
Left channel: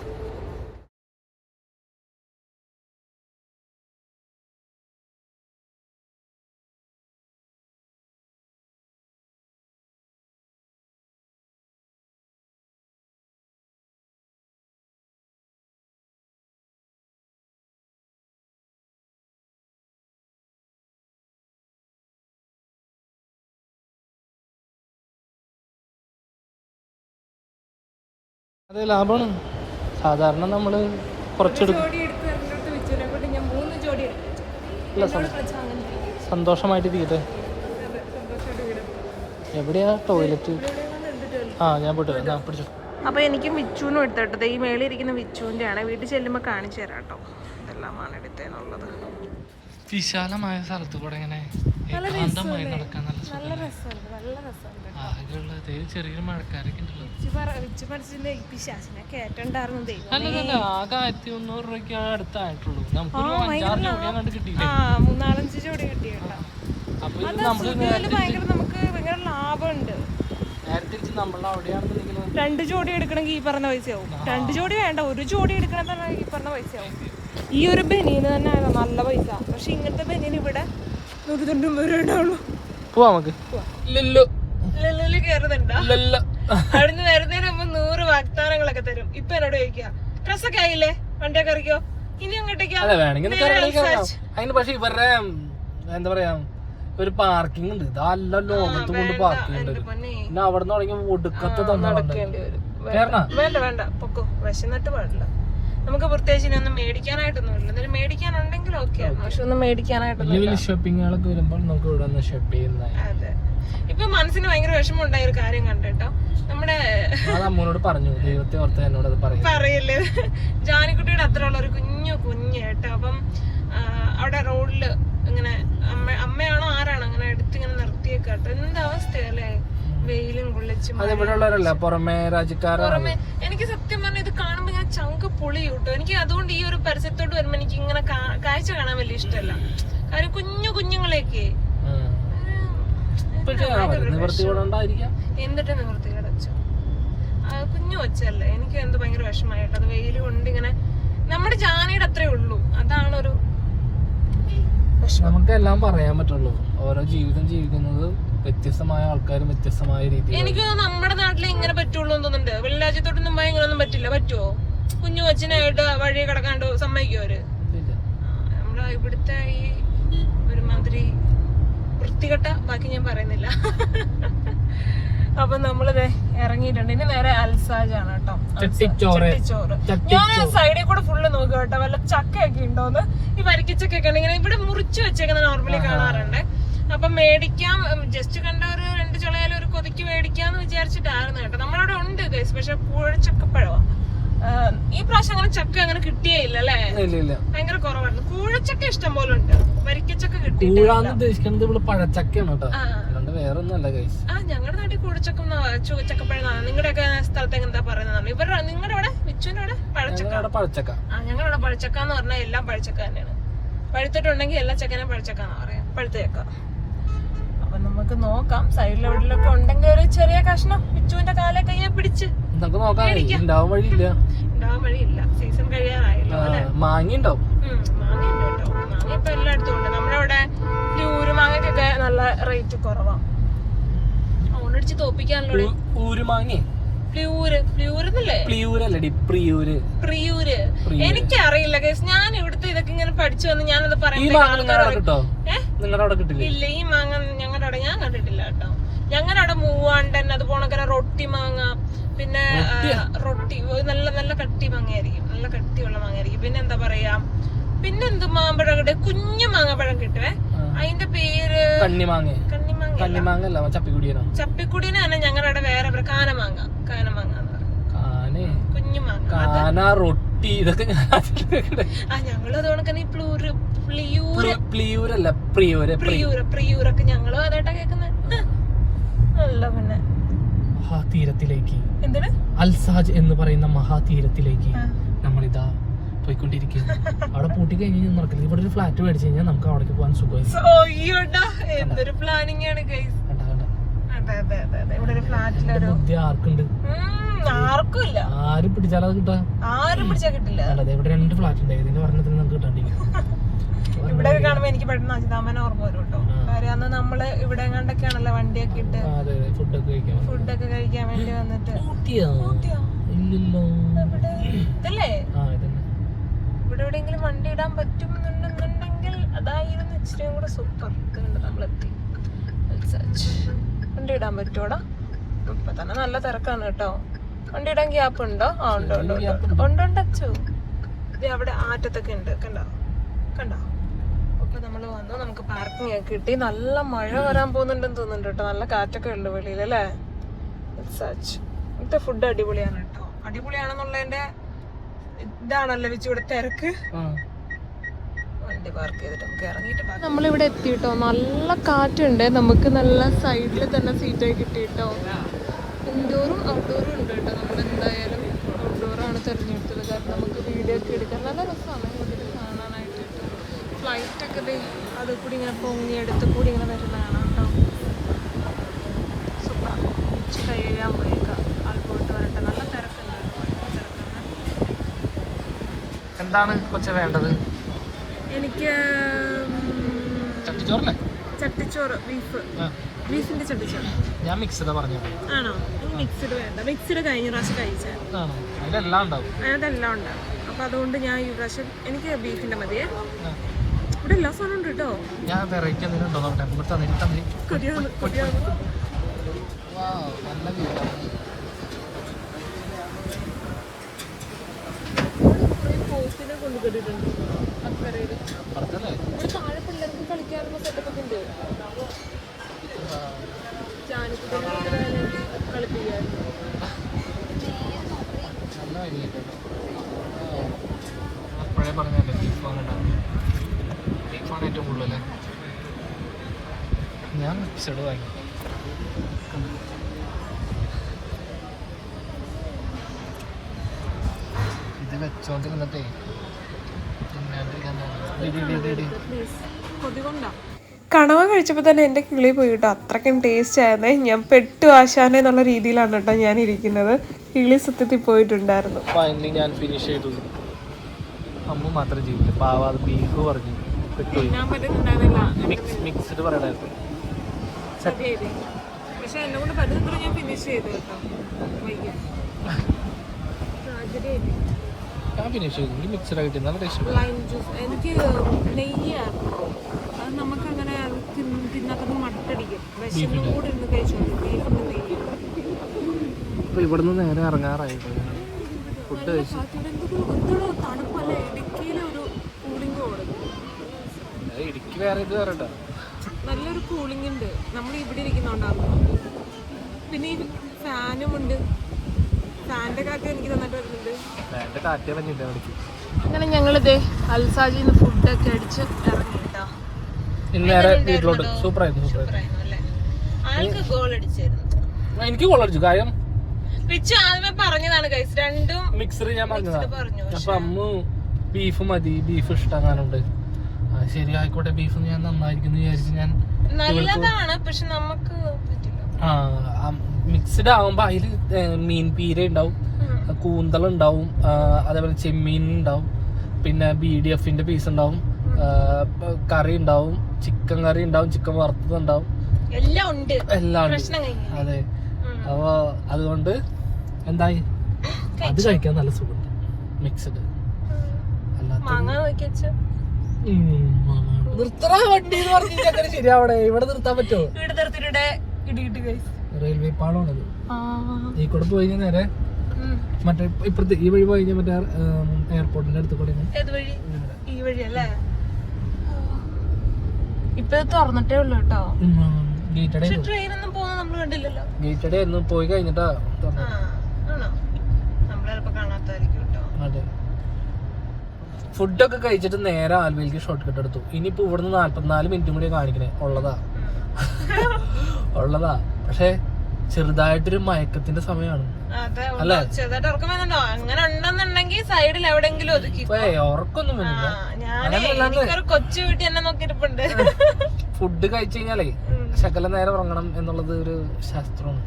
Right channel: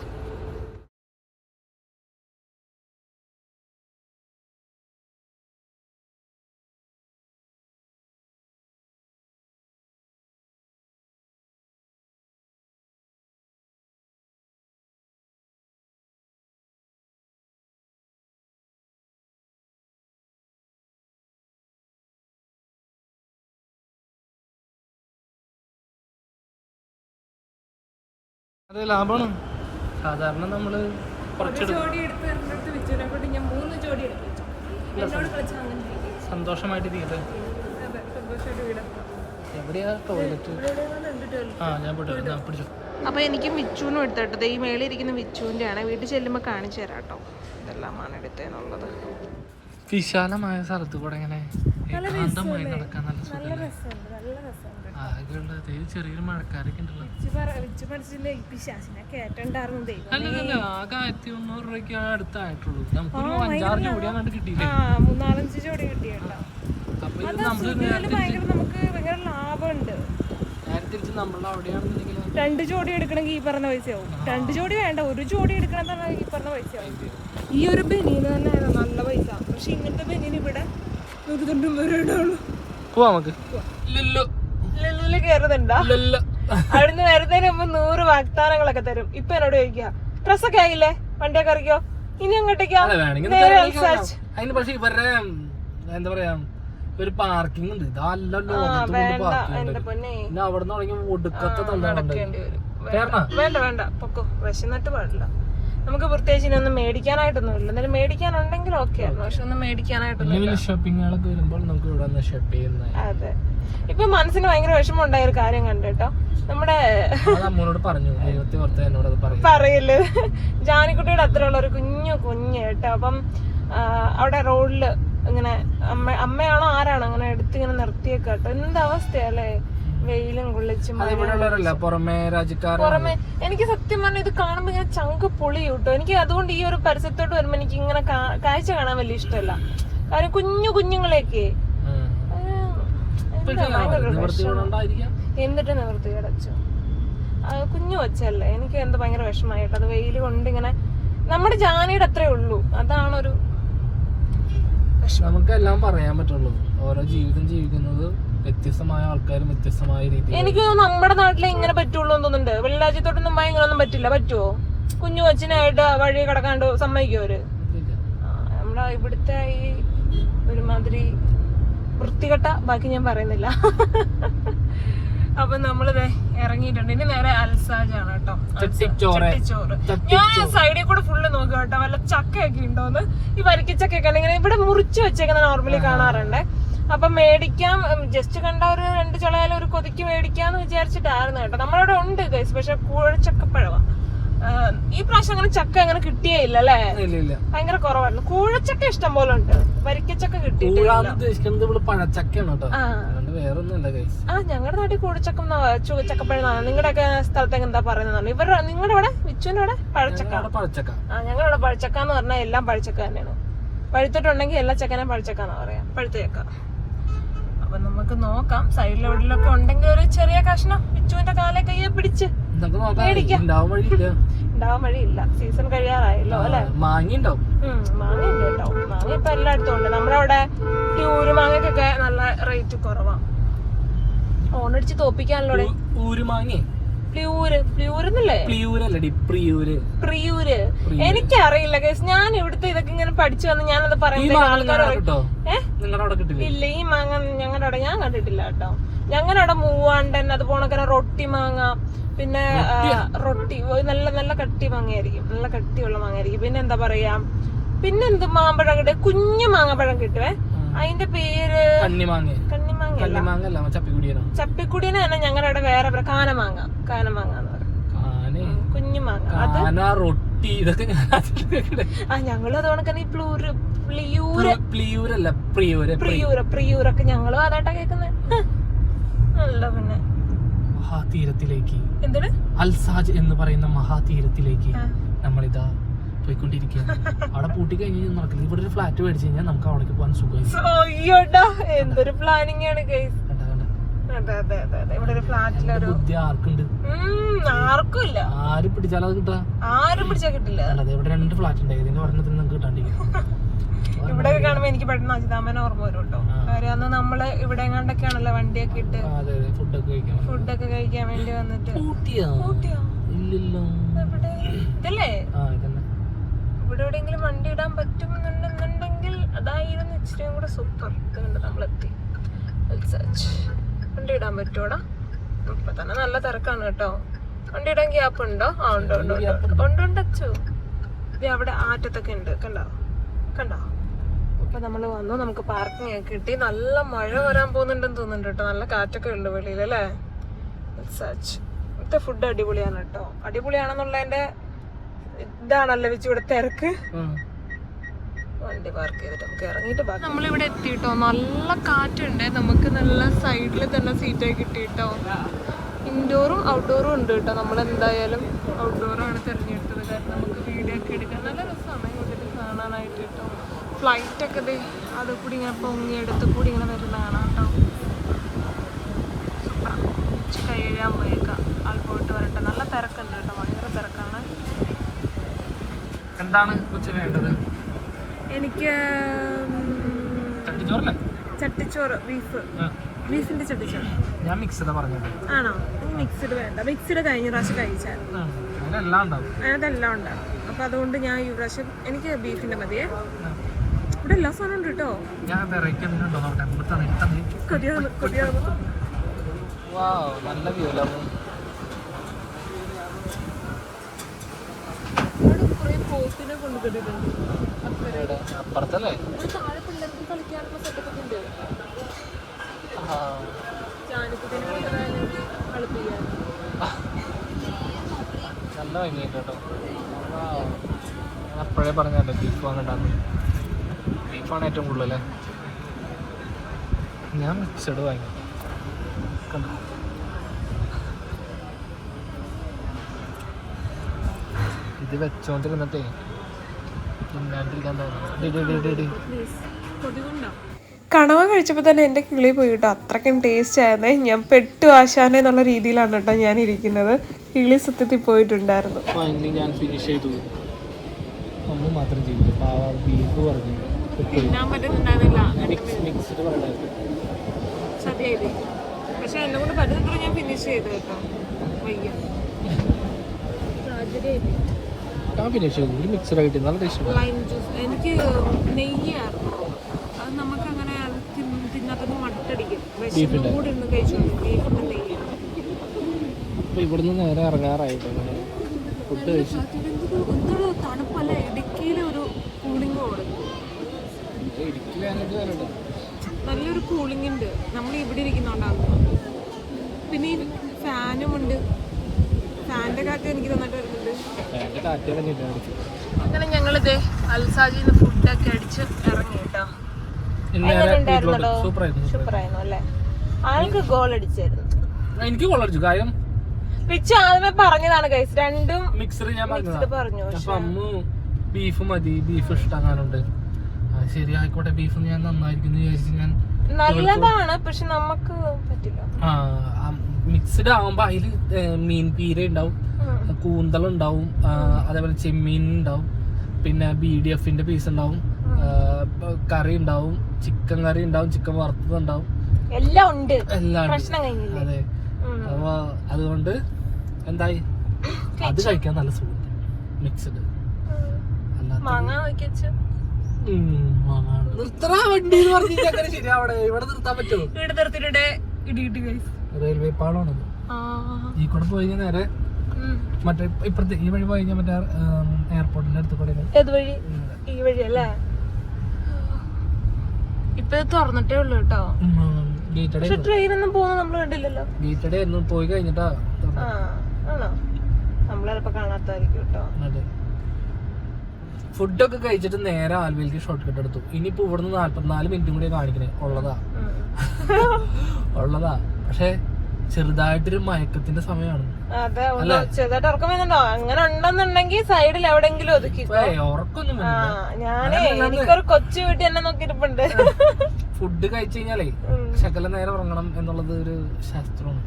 അതെ ലാഭമാണ്. സാധാരണ നമ്മൾ കുറച്ചെടുക്കും. സന്തോഷമായിട്ട് തീരട്ടെ വീടെത്താം എവിടെയാ? ടോയ്ലറ്റ്. ആ ഞാൻ പോയിട്ട് പിടിച്ചോ. അപ്പൊ എനിക്കും വിച്ചുവിനും എടുത്തിട്ടത് ഈ മേളിൽ ഇരിക്കുന്ന വിച്ചുവിന്റെ ആണ് വീട്ടിൽ ചെല്ലുമ്പോൾ കാണിച്ചു തരാം കേട്ടോ. ഇതെല്ലാമാണ് എടുത്തേന്നുള്ളത് വിശാലമായ സ്ഥലത്ത് കൂടെ ഇങ്ങനെ ഏകാന്തമായി നടക്കാൻ നല്ല സുഖം ആകെയുള്ളത് ചെറിയൊരു മഴക്കാരൊക്കെ ഉണ്ടല്ലോ. അല്ലല്ല ആകെ ആയിരത്തി മുന്നൂറ് രൂപയ്ക്ക് അടുത്തായിട്ടുള്ളൂ. അഞ്ചാറ് അങ്ങോട്ട് അപ്പൊ ഇത് നമ്മൾ നമുക്ക് ഭയങ്കര ലാഭമുണ്ട്. നേരെ തിരിച്ച് രണ്ട് ജോഡി എടുക്കണമെങ്കിൽ ഈ പറഞ്ഞ പൈസയാവും. രണ്ട് ജോഡി വേണ്ട ഒരു ജോഡി എടുക്കണം തന്നെ ഈ പറഞ്ഞ പൈസയാവും. ഈ ഒരു ബനീന് തന്നെ ആയിരുന്നു നല്ല പൈസ. പക്ഷെ ഇങ്ങനത്തെ ബനീന് ഇവിടെ നൂറ്റി തൊണ്ണൂറ് രൂപ ഉണ്ടാവുള്ളൂ പോവാ നമുക്ക്. ലുലുവിൽ കയറുന്നുണ്ടോ അവിടുന്ന് വരുന്നതിന് മുമ്പ് നൂറ് വാഗ്ദാനങ്ങളൊക്കെ തരും. ഇപ്പൊ എന്നോട് ചോദിക്കുക ഡ്രസ്സൊക്കെ ആയില്ലേ? വണ്ടിയൊക്കെ ഇറക്കിയോ? ഇനി അങ്ങോട്ടേക്കോ? അതിന് പക്ഷെ ഇവരുടെ എന്താ പറയാ ഒരു പാർക്കിംഗ് ഉണ്ട്. ഇതല്ല ലോകത്ത് കൊണ്ട് പാർക്കിംഗ് ഉണ്ട് പിന്നെ. അവിടെ നിന്ന് തുടങ്ങി ഒടുക്കത്തെ വേണ്ട വേണ്ട. പൊക്കോ. വിശന്നിട്ട് പാടില്ല നമുക്ക് പ്രത്യേകിച്ച് ഇനി ഒന്നും മേടിക്കാനായിട്ടൊന്നും ഇല്ല. എന്നാലും മേടിക്കാനുണ്ടെങ്കിൽ ഓക്കെ ആയിരുന്നു. പക്ഷെ ഒന്നും മേടിക്കാനായിട്ടൊന്നും ഷോപ്പിങ്ങുകളൊക്കെ വരുമ്പോൾ നമുക്ക് ഇവിടെ നിന്ന് ഷോപ്പ് ചെയ്യുന്ന അതെ. ഇപ്പൊ മനസ്സിന് ഭയങ്കര വിഷമം ഉണ്ടായ ഒരു കാര്യം കണ്ടു കേട്ടോ. നമ്മുടെ അമ്മോനോട് പറഞ്ഞു. ദൈവത്തെ ഓർത്ത് എന്നോട് അത് പറയും പറയില്ലേ? ജാനിക്കുട്ടിയുടെ അത്രയുള്ള ഒരു കുഞ്ഞു കുഞ്ഞു കേട്ടോ. അപ്പം അവിടെ റോഡിൽ ഇങ്ങനെ അമ്മ അമ്മയാണോ ആരാണോ അങ്ങനെ എടുത്ത് ഇങ്ങനെ നിർത്തിയേക്ക് കേട്ടോ. എന്ത് അവസ്ഥയല്ലേ? വെയിലും കൊള്ളിച്ചും അത് ഇവിടെ ഉള്ളവരല്ല പുറമേ രാജ്യക്കാരാണ്. പുറമെ എനിക്ക് സത്യം പറഞ്ഞ ഇത് കാണുമ്പോ ഇങ്ങനെ ചങ്ക് പുളി കിട്ടും. എനിക്ക് അതുകൊണ്ട് ഈ ഒരു പരിസരത്തോട്ട് വരുമ്പോ എനിക്ക് ഇങ്ങനെ കാ- കാഴ്ച കാണാൻ വലിയ ഇഷ്ടമല്ല. കാരണം കുഞ്ഞു കുഞ്ഞുങ്ങളെയൊക്കെ. നിവൃത്തി കൂടെ ഉണ്ടായിരിക്കാം. എന്നിട്ട് നിവൃത്തി കിടച്ചു. കുഞ്ഞു വച്ചല്ലേ എനിക്ക് എന്ത് ഭയങ്കര വിഷമായിട്ട് അത് വെയിൽ കൊണ്ട് ഇങ്ങനെ നമ്മുടെ ജാനയുടെ അത്രേ ഉള്ളൂ. അതാണ് ഒരു നമുക്ക് എല്ലാം പറയാൻ പറ്റുള്ളൂ. ഓരോ ജീവിതം ജീവിക്കുന്നത് വ്യത്യസ്തമായ ആൾക്കാരും വ്യത്യസ്തമായ രീതിയിൽ എനിക്ക് നമ്മുടെ നാട്ടിലെ ഇങ്ങനെ പറ്റുള്ളൂ തോന്നുന്നുണ്ട്. വെള്ളിരാജ്യത്തോട്ടൊന്നും പോയാൽ ഇങ്ങനൊന്നും പറ്റില്ല. പറ്റുമോ കുഞ്ഞു കൊച്ചിനായിട്ട് വഴി കിടക്കാണ്ട് സമ്മതിക്കോ നമ്മുടെ ഇവിടുത്തെ ഈ ഒരുമാതിരി വൃത്തികെട്ട ബാക്കി ഞാൻ പറയുന്നില്ല. അപ്പൊ നമ്മളിത് ഇറങ്ങിയിട്ടുണ്ട്. ഇനി നേരെ അൽസാജാണ് കേട്ടോ. ചട്ടിച്ചോറ്. ഞാൻ സൈഡിൽ കൂടെ ഫുള്ള് നോക്കുക കേട്ടോ. വല്ല ചക്കയൊക്കെ ഉണ്ടോന്ന്? ഈ വരിക്കച്ചക്കൊക്കെ ആണെങ്കിൽ ഇവിടെ മുറിച്ച് വെച്ചേക്കുന്ന നോർമലി കാണാറുണ്ട്. അപ്പൊ മേടിക്കാം. ജസ്റ്റ് കണ്ട ഒരു രണ്ട് ചുളയാലും ഒരു കൊതിക്ക് മേടിക്കാന്ന് വിചാരിച്ചിട്ടായിരുന്നു കേട്ടോ. നമ്മളവിടെ ഉണ്ട് ഗൈസ് പക്ഷെ കൂഴച്ചക്കപ്പഴവാ ചക്കപ്പഴവ ഈ പ്രാവശ്യം അങ്ങനെ ചക്ക അങ്ങനെ കിട്ടിയേ ഇല്ല അല്ലേ ഭയങ്കര കുറവായിരുന്നു. കൂഴച്ചക്ക ഇഷ്ടം പോലെ ഉണ്ട്. വരിക്കച്ചക്ക കിട്ടിയിട്ടുണ്ട് പഴച്ചക്കയാണ് കേട്ടോ. ആ. ഞങ്ങളുടെ നാട്ടിൽ കൂഴച്ചക്കം ചക്കപ്പഴം നിങ്ങളുടെയൊക്കെ സ്ഥലത്തേക്ക് എന്താ പറയുന്നത് ഇവരുടെ നിങ്ങളുടെ അവിടെ? വിച്ചുവിന്റെ അവിടെ? പഴച്ചക്ക? പഴച്ചക്ക. ആ ഞങ്ങളുടെ പഴച്ചക്ക എന്ന് പറഞ്ഞാൽ എല്ലാം പഴച്ചക്ക തന്നെയാണ്. പഴുത്തിട്ടുണ്ടെങ്കിൽ എല്ലാ ചക്കനും പഴച്ചക്ക എന്ന് പറയാം. പഴുത്ത ചക്ക അപ്പൊ നമുക്ക് നോക്കാം. സൈഡിൽ എവിടെയൊക്കെ ഉണ്ടെങ്കിൽ ഒരു ചെറിയ കഷ്ണം ഇച്ചുവിന്റെ കാലെ കയ്യെ പിടിച്ച് ഉണ്ടാവാൻ വഴിയില്ല. ഉണ്ടാവാൻ വഴിയില്ല. സീസൺ കഴിയാറായല്ലോ അല്ലെ? മാങ്ങ ഉണ്ടാവും മാങ്ങ ഉണ്ട് കേട്ടോ. മാങ്ങ ഇപ്പൊ എല്ലായിടത്തും ഉണ്ട് നമ്മുടെ അവിടെ നല്ല റേറ്റ് കുറവാണ് ഓണടിച്ച് തോപ്പിക്കാനുള്ള ഊരുമാങ്ങേ? എനിക്കറിയില്ല ഞാൻ ഇവിടുത്തെ ഇതൊക്കെ ഇങ്ങനെ പഠിച്ചു വന്ന് ഞാനത് കിട്ടില്ലേ? ഇല്ല ഈ മാങ്ങ ഞങ്ങളുടെ അവിടെ ഞാൻ കണ്ടിട്ടില്ല കേട്ടോ. ഞങ്ങളുടെ അവിടെ മൂവാണ്ടൻ അത് പോണക്കര റൊട്ടി മാങ്ങ പിന്നെ റൊട്ടി. നല്ല നല്ല കട്ടി മാങ്ങയായിരിക്കും. നല്ല കട്ടിയുള്ള മാങ്ങയായിരിക്കും. പിന്നെ എന്താ പറയാ? പിന്നെ എന്ത് മാമ്പഴം കിട്ടും? കുഞ്ഞു മാങ്ങപ്പഴം കിട്ടുവേ. അതിന്റെ പേര് കണ്ണിമാങ്ങ. കണ്ണിമാങ്ങ കണ്ണിമാങ്ങ അല്ല ചപ്പിക്കുടിയാണോ ചപ്പിക്കുടിനെ തന്നെ ഞങ്ങളുടെ വേറെ കാനമാങ്ങ കാനമാങ്ങ കുഞ്ഞു മാങ്ങ. കാന റൊട്ടി ഇതൊക്കെ ഞാൻ ആ ഞങ്ങളും അതോണക്കന്നെ ഈ പ്ലൂര് പ്ലിയൂര്. പ്ലി- പ്ലിയൂരല്ല പ്രിയൂര് പ്രി. പ്രിയൂര പ്രിയൂരൊക്കെ ഞങ്ങളും അതാട്ടാ കേക്കുന്നത് അല്ല പിന്നെ. മഹാതീരത്തിലേക്ക്. അൽസാജ് എന്ന് പറയുന്ന മഹാതീരത്തിലേക്ക്. നമ്മളിതാ പോയിക്കൊണ്ടിരിക്കുകയാണ് അവിടെ പൂട്ടി കഴിഞ്ഞ് നടക്കില്ല ഇവിടെ ഒരു ഫ്ലാറ്റ് മേടിച്ചു കഴിഞ്ഞാൽ നമുക്ക് അവിടേക്ക് പോകാൻ സുഖമായി. അതെ അതെ അതെ അതെ. ഇവിടെ ഒരു ഫ്ലാറ്റിലൊരു ബുദ്ധി ആർക്കുണ്ട്? ആർക്കും ഇല്ല ആര് പിടിച്ചാലും അത് കിട്ടാ. ആരും പിടിച്ചാ കിട്ടില്ല. അല്ലാതെ ഇവിടെ രണ്ട് ഫ്ലാറ്റ് ഉണ്ട്. ഇതിന്റെ ഒരെണ്ണത്തിന് നമുക്ക് കിട്ടാണ്ടിരിക്കും. ഇവിടെ കാണുമ്പോ എനിക്ക് പെട്ടെന്ന് അജിതാമന ഓർമ്മ വരും കേട്ടോ. കാര്യം അന്ന് നമ്മൾ ഇവിടെ എങ്ങാണ്ടൊക്കെയാണല്ലോ വണ്ടിയൊക്കെ ഇട്ട് അതെ അതെ ഫുഡൊക്കെ കഴിക്കാൻ വേണ്ടി. വന്നിട്ട്? ഇതല്ലേ? ഇവിടെ എവിടെയെങ്കിലും വണ്ടി ഇടാൻ പറ്റുന്നുണ്ടെന്നുണ്ടെങ്കിൽ അതായിരുന്നു ഇച്ചിരി കൂടെ സൂപ്പർ ഇതുകൊണ്ട് നമ്മളെത്തി. വണ്ടി ഇടാൻ പറ്റുമോടാ ഇപ്പൊ തന്നെ നല്ല തിരക്കാണ് കേട്ടോ. വണ്ടി ഇടാൻ ഗ്യാപ്പ് ഉണ്ടോ? ആ ഉണ്ട് ഉണ്ട് ഉണ്ട് ഉണ്ട്. അച്ചു. ഇത് അവിടെ ആറ്റത്തൊക്കെ ഉണ്ട്. കണ്ടോ? കണ്ടോ? ഇപ്പൊ നമ്മൾ വന്നു. നമുക്ക് പാർക്കിംഗ് ഒക്കെ കിട്ടി. നല്ല മഴ വരാൻ പോകുന്നുണ്ടെന്ന് തോന്നുന്നുണ്ട് കേട്ടോ. നല്ല കാറ്റൊക്കെ ഉണ്ട് വെളിയിൽ അല്ലേ? ഇവിടുത്തെ ഫുഡ് അടിപൊളിയാണ് കേട്ടോ. അടിപൊളിയാണെന്നുള്ളതിന്റെ ഇതാണല്ലോ വെച്ച് ഇവിടെ തിരക്ക്. വണ്ടി പാർക്ക് ചെയ്തിട്ട് നമുക്ക് ഇറങ്ങിയിട്ട് നമ്മളിവിടെ എത്തി കേട്ടോ നല്ല കാറ്റുണ്ട്. നമുക്ക് നല്ല സൈഡിൽ തന്നെ സീറ്റായി കിട്ടിയിട്ടോ? ഇൻഡോറും ഔട്ട്ഡോറും ഉണ്ട് കേട്ടോ. നമ്മൾ എന്തായാലും ഔട്ട്ഡോറാണ് തിരഞ്ഞെടുത്തത്. കാരണം നമുക്ക് വീഡിയോ ഒക്കെ എടുക്കാൻ നല്ല രസമാണ്. ഇങ്ങോട്ട് കാണാനായിട്ട് കേട്ടോ. ഫ്ലൈറ്റ് ഒക്കെ ദേ അത് കൂടി ഇങ്ങനെ പൊങ്ങി എടുത്ത് കൂടി ഇങ്ങനെ വരുന്ന കാണാം കേട്ടോ. സൂപ്പർ ഉച്ച ആൾ പോയിട്ട് വരട്ടെ. നല്ല തിരക്കാണ് കേട്ടോ. വളരെ തിരക്കാണ്. എന്താണ് കൊച്ചു വേണ്ടത്? എനിക്ക് ചട്ടിച്ചോറല്ലേ? ചട്ടിച്ചോറ് ബീഫ്. ബീഫിന്റെ ചട്ടിച്ചോറ്. ഞാൻ മിക്സഡ് പറഞ്ഞത്. ആണോ? മിക്സ്ഡ് വേണ്ട. മിക്സ്ഡ് കഴിഞ്ഞ പ്രാവശ്യം കഴിച്ചായിരുന്നു ആണോ അതിലെല്ലാം ഉണ്ടാവും. അതിനകത്തെല്ലാം ഉണ്ടാവും. അപ്പൊ അതുകൊണ്ട് ഞാൻ ഈ പ്രാവശ്യം എനിക്ക് ബീഫിന്റെ മതിയേ ഇവിടെ എല്ലാ സാധനവും ഉണ്ട് കേട്ടോ. ഞാൻ വെറൈറ്റി എന്തെങ്കിലും ഉണ്ടോ നോക്കട്ടെ? ഇവിടെ തന്നിട്ട് തന്നിട്ട് കൊടിയാണ് കൊതിയാന്ന് വാവ് നല്ല വ്യൂ ഉണ്ടാവും പോത്തിനെ കൊണ്ടുപോയിട്ടുണ്ട്. അപ്പുറത്തല്ലേ? താഴെ പിള്ളേർക്ക് കളിക്കാനുള്ള സെറ്റപ്പ് ഒക്കെ ഉണ്ട്. ആ. ജാനകിനെ കളിപ്പിക്കാൻ നല്ല ഭംഗിയുണ്ട് കേട്ടോ. ഞാൻ അപ്പോഴേ പറഞ്ഞല്ലേ ബീഫ് വാങ്ങണ്ടാന്ന് ബീഫാണ് ഏറ്റവും കൂടുതൽ അല്ലേ? ഞാൻ മിക്സഡ് വാങ്ങി. കണ്ടോ? ഇത് വെച്ചോണ്ടിരുന്നിട്ടേ തിന്നാണ്ടിരിക്കാൻ തോന്നുന്നു പ്ലീസ് കൊതി കൊണ്ടാ കണവ കഴിച്ചപ്പോൾ തന്നെ എന്റെ കിളി പോയി കേട്ടോ. അത്രയ്ക്കും ടേസ്റ്റ് ആയിരുന്നേ. ഞാൻ പെട്ടു ആശാനേ എന്നുള്ള രീതിയിലാണ് കേട്ടോ ഞാൻ ഇരിക്കുന്നത്. കിളി സത്യത്തിൽ പോയിട്ടുണ്ടായിരുന്നു. ഫൈനലി ഞാൻ ഫിനിഷ് ചെയ്തു. അമ്മ മാത്രം ജീവിച്ചു. പാവാത് ബീഫ് പറഞ്ഞു. മിക്സ് മിക്സ്ഡ് പറയണായിരുന്നു. പക്ഷെ എന്നെ കൊണ്ട് പറ്റുന്നത്ര ഞാൻ ഫിനിഷ് ചെയ്തു കേട്ടോ. വയ്യ. സാഹചര്യമായിട്ട് മിക്സ്ഡ് ആയിട്ട് നല്ല ടേസ്റ്റ് ലൈം ജ്യൂസ് എനിക്ക് നെയ്യായിരുന്നു. അത് നമുക്ക് അങ്ങനെ അത് തിന്ന് തിന്നാത്തൊന്ന് മട്ടടിക്കും. വിശന്നും കൂടി ഇരുന്ന് കഴിച്ചോണ്ട് ബീഫിന്റെ നെയ്യ്. ഇപ്പൊ ഇവിടുന്ന് നേരെ ഇറങ്ങാറായി ഫുഡ് കഴിച്ചു. ഒത്തിരി തണുപ്പല്ല? ഇടുക്കിയിലെ ഒരു കൂളിംഗ് കൊടുക്കും ഇടുക്കി വേറെ ഇത് വേറെ നല്ലൊരു കൂളിംഗ് ഉണ്ട്. നമ്മൾ ഇവിടെ ഇരിക്കുന്നുണ്ടാവും പിന്നെ ഫാനും ഉണ്ട്. അങ്ങനെ ഞങ്ങളിതേ അൽസാജിന്ന് ഫുഡൊക്കെ അടിച്ച് ഇറങ്ങി കേട്ടോ. ആൾക്ക് ഗോൾ അടിച്ചായിരുന്നു? എനിക്ക് കൊള്ളടിച്ചു കാര്യം ആദ്യമേ പറഞ്ഞതാണ് ഗൈസ് രണ്ടും ഞാൻ പറഞ്ഞു അപ്പൊ അമ്മ ബീഫ് മതി ബീഫ് ഇഷ്ടങ്ങാനുണ്ട്. ആ ശരി ആയിക്കോട്ടെ ബീഫ് ഞാൻ നന്നായിരിക്കും എന്ന് വിചാരിച്ച് ഞാൻ നല്ലതാണ് പക്ഷെ നമുക്ക് പറ്റില്ല. ആ മിക്സ്ഡ് ആവുമ്പോ അതിൽ മീൻ പീര ഉണ്ടാവും. കൂന്തൽ ഉണ്ടാവും അതേപോലെ ചെമ്മീൻ ഉണ്ടാവും പിന്നെ ബി ഡി എഫിന്റെ പീസ് ഉണ്ടാവും കറി ഉണ്ടാവും ചിക്കൻ കറി ഉണ്ടാവും ചിക്കൻ വറുത്തത് ഉണ്ടാവും എല്ലാം ഉണ്ട്. അതെ. അപ്പൊ അതുകൊണ്ട് എന്തായി? അത് കഴിക്കാൻ നല്ല സുഖമുണ്ട് മിക്സ്ഡ് നിർത്തറ വണ്ടി എന്ന് പറഞ്ഞാൽ ശരിയാവടെ ഇവിടെ നിർത്താൻ പറ്റുമോ? ഇവിടെ നിർത്തിട്ടുണ്ട് ഇടി റെയിൽവേ പാടമാണത് ഈ കൂടെ പോയി കഴിഞ്ഞാൽ നേരെ മറ്റേ ഇപ്പുറത്ത് ഈ വഴി പോയി കഴിഞ്ഞാൽ മറ്റേ എയർപോർട്ടിന്റെ അടുത്ത് കൂടെ ഏത് വഴി? ഈ വഴി അല്ലേ? ഇപ്പൊ തുറന്നിട്ടേ ഉള്ളു കേട്ടോ. ഗേറ്റടെ പക്ഷെ ട്രെയിൻ ഒന്നും പോകുന്നത് നമ്മൾ കണ്ടില്ലല്ലോ. പോയി കഴിഞ്ഞിട്ടാ ഫുഡൊക്കെ കഴിച്ചിട്ട് നേരെ ആൽവയിലേക്ക് ഷോർട്ട് കട്ട് എടുത്തു. ഇനിയിപ്പോ ഇവിടുന്ന് നാല്പത്തിനാല് മിനിറ്റും കൂടി കാണിക്കണേ. ഉള്ളതാ. ഉള്ളതാ. പക്ഷെ ചെറുതായിട്ടൊരു മയക്കത്തിന്റെ സമയമാണ്. അല്ലേ? ചെറുതായിട്ട് ഉറക്കം വരുന്നുണ്ടോ? അങ്ങനെ ഉണ്ടെന്നുണ്ടെങ്കിൽ സൈഡിൽ എവിടെങ്കിലും ഒതുക്കി ഉറക്കൊന്നും ആ, വരുന്നില്ല. ഞാനേ അങ്ങനെയല്ല. എനിക്കൊരു കൊച്ചു വീട്ടിൽ എന്നെ നോക്കിയിരിപ്പുണ്ട്. ഫുഡ് കഴിച്ചു കഴിഞ്ഞാലേ ശകല നേരം ഉറങ്ങണം എന്നുള്ളത് ഒരു ശാസ്ത്രമാണ്.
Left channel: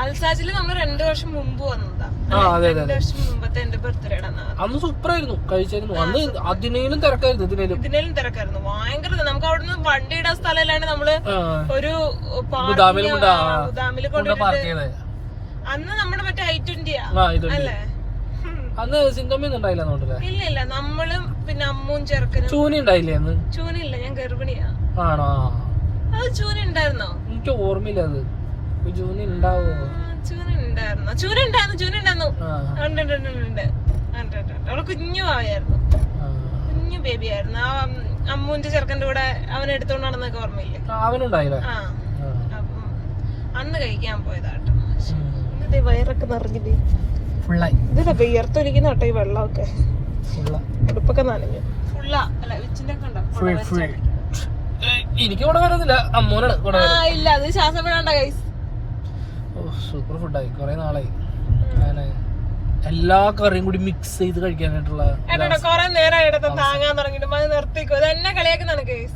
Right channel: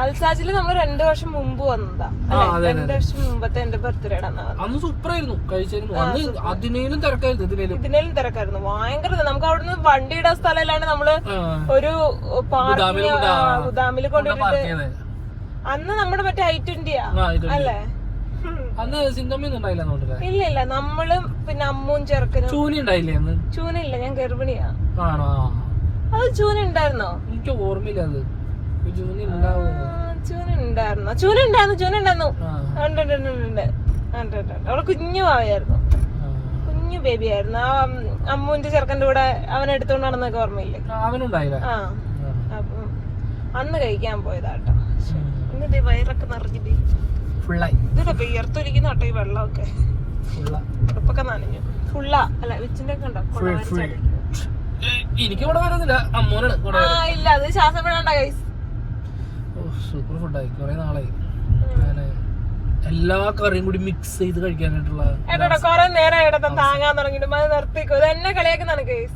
നമ്മൾ രണ്ടു വർഷം മുമ്പ് വന്നതാ. രണ്ടു വർഷം മുമ്പത്തെ എന്റെ ബർത്ത്ഡേയുടെ അന്ന്. സൂപ്പർ ആയിരുന്നു കഴിച്ചായിരുന്നു. അന്ന് അതിനേലും തിരക്കായിരുന്നു ഇതിനേലും. ഇതിനേലും തിരക്കായിരുന്നു. ഭയങ്കര. നമുക്ക് അവിടെ നിന്ന് വണ്ടി ഇടാൻ സ്ഥലം ഇല്ലാണ്ട് നമ്മൾ ഒരു ഗുദാമിൽ അന്ന് നമ്മുടെ മറ്റേ ഐ അല്ലേ. അന്ന് സിന്തമ്മയൊന്നും ഉണ്ടായില്ല ഇല്ല ഇല്ല. നമ്മളും പിന്നെ അമ്മും ചെറുക്കനും ചൂനി ഉണ്ടായില്ലേ അന്ന്? ചൂനില്ല ഞാൻ ഗർഭിണിയാ. ആണോ? അത് ചൂന ഉണ്ടായിരുന്നോ? എനിക്ക് ഓർമ്മയില്ല അത്. ഉണ്ടായിരുന്നു ചൂന ചൂന. അവൾ കുഞ്ഞു ബേബി ആയിരുന്നു ആ അമ്മുവിന്റെ ചെറുക്കന്റെ കൂടെ അവൻ എടുത്തോണ്ട് നടന്നൊക്കെ ഓർമ്മയില്ലേ? അവനുണ്ടായില്ലേ? ആ. അപ്പം അന്ന് കഴിക്കാൻ പോയതാട്ടോ. വയറൊക്കെ നിറഞ്ഞു പോയി. ഫുള്ളായി. ഇതാ വിയർത്തൊലിക്കുന്ന കേട്ടോ ഈ വെള്ളമൊക്കെ. ഫുള്ള. ഉടുപ്പൊക്കെ നനഞ്ഞു. ഫുള്ളാ. അല്ല ഒക്കെ ഉണ്ടോ? എനിക്ക് കൂടെ വരുന്നില്ല അമ്മോനാണ് ഇല്ല അത് ശ്വാസം ഓ സൂപ്പർ ഫുഡായി കുറെ നാളായി. അങ്ങനെ എല്ലാ കറിയും കൂടി മിക്സ് ചെയ്ത് കഴിക്കാനായിട്ടുള്ള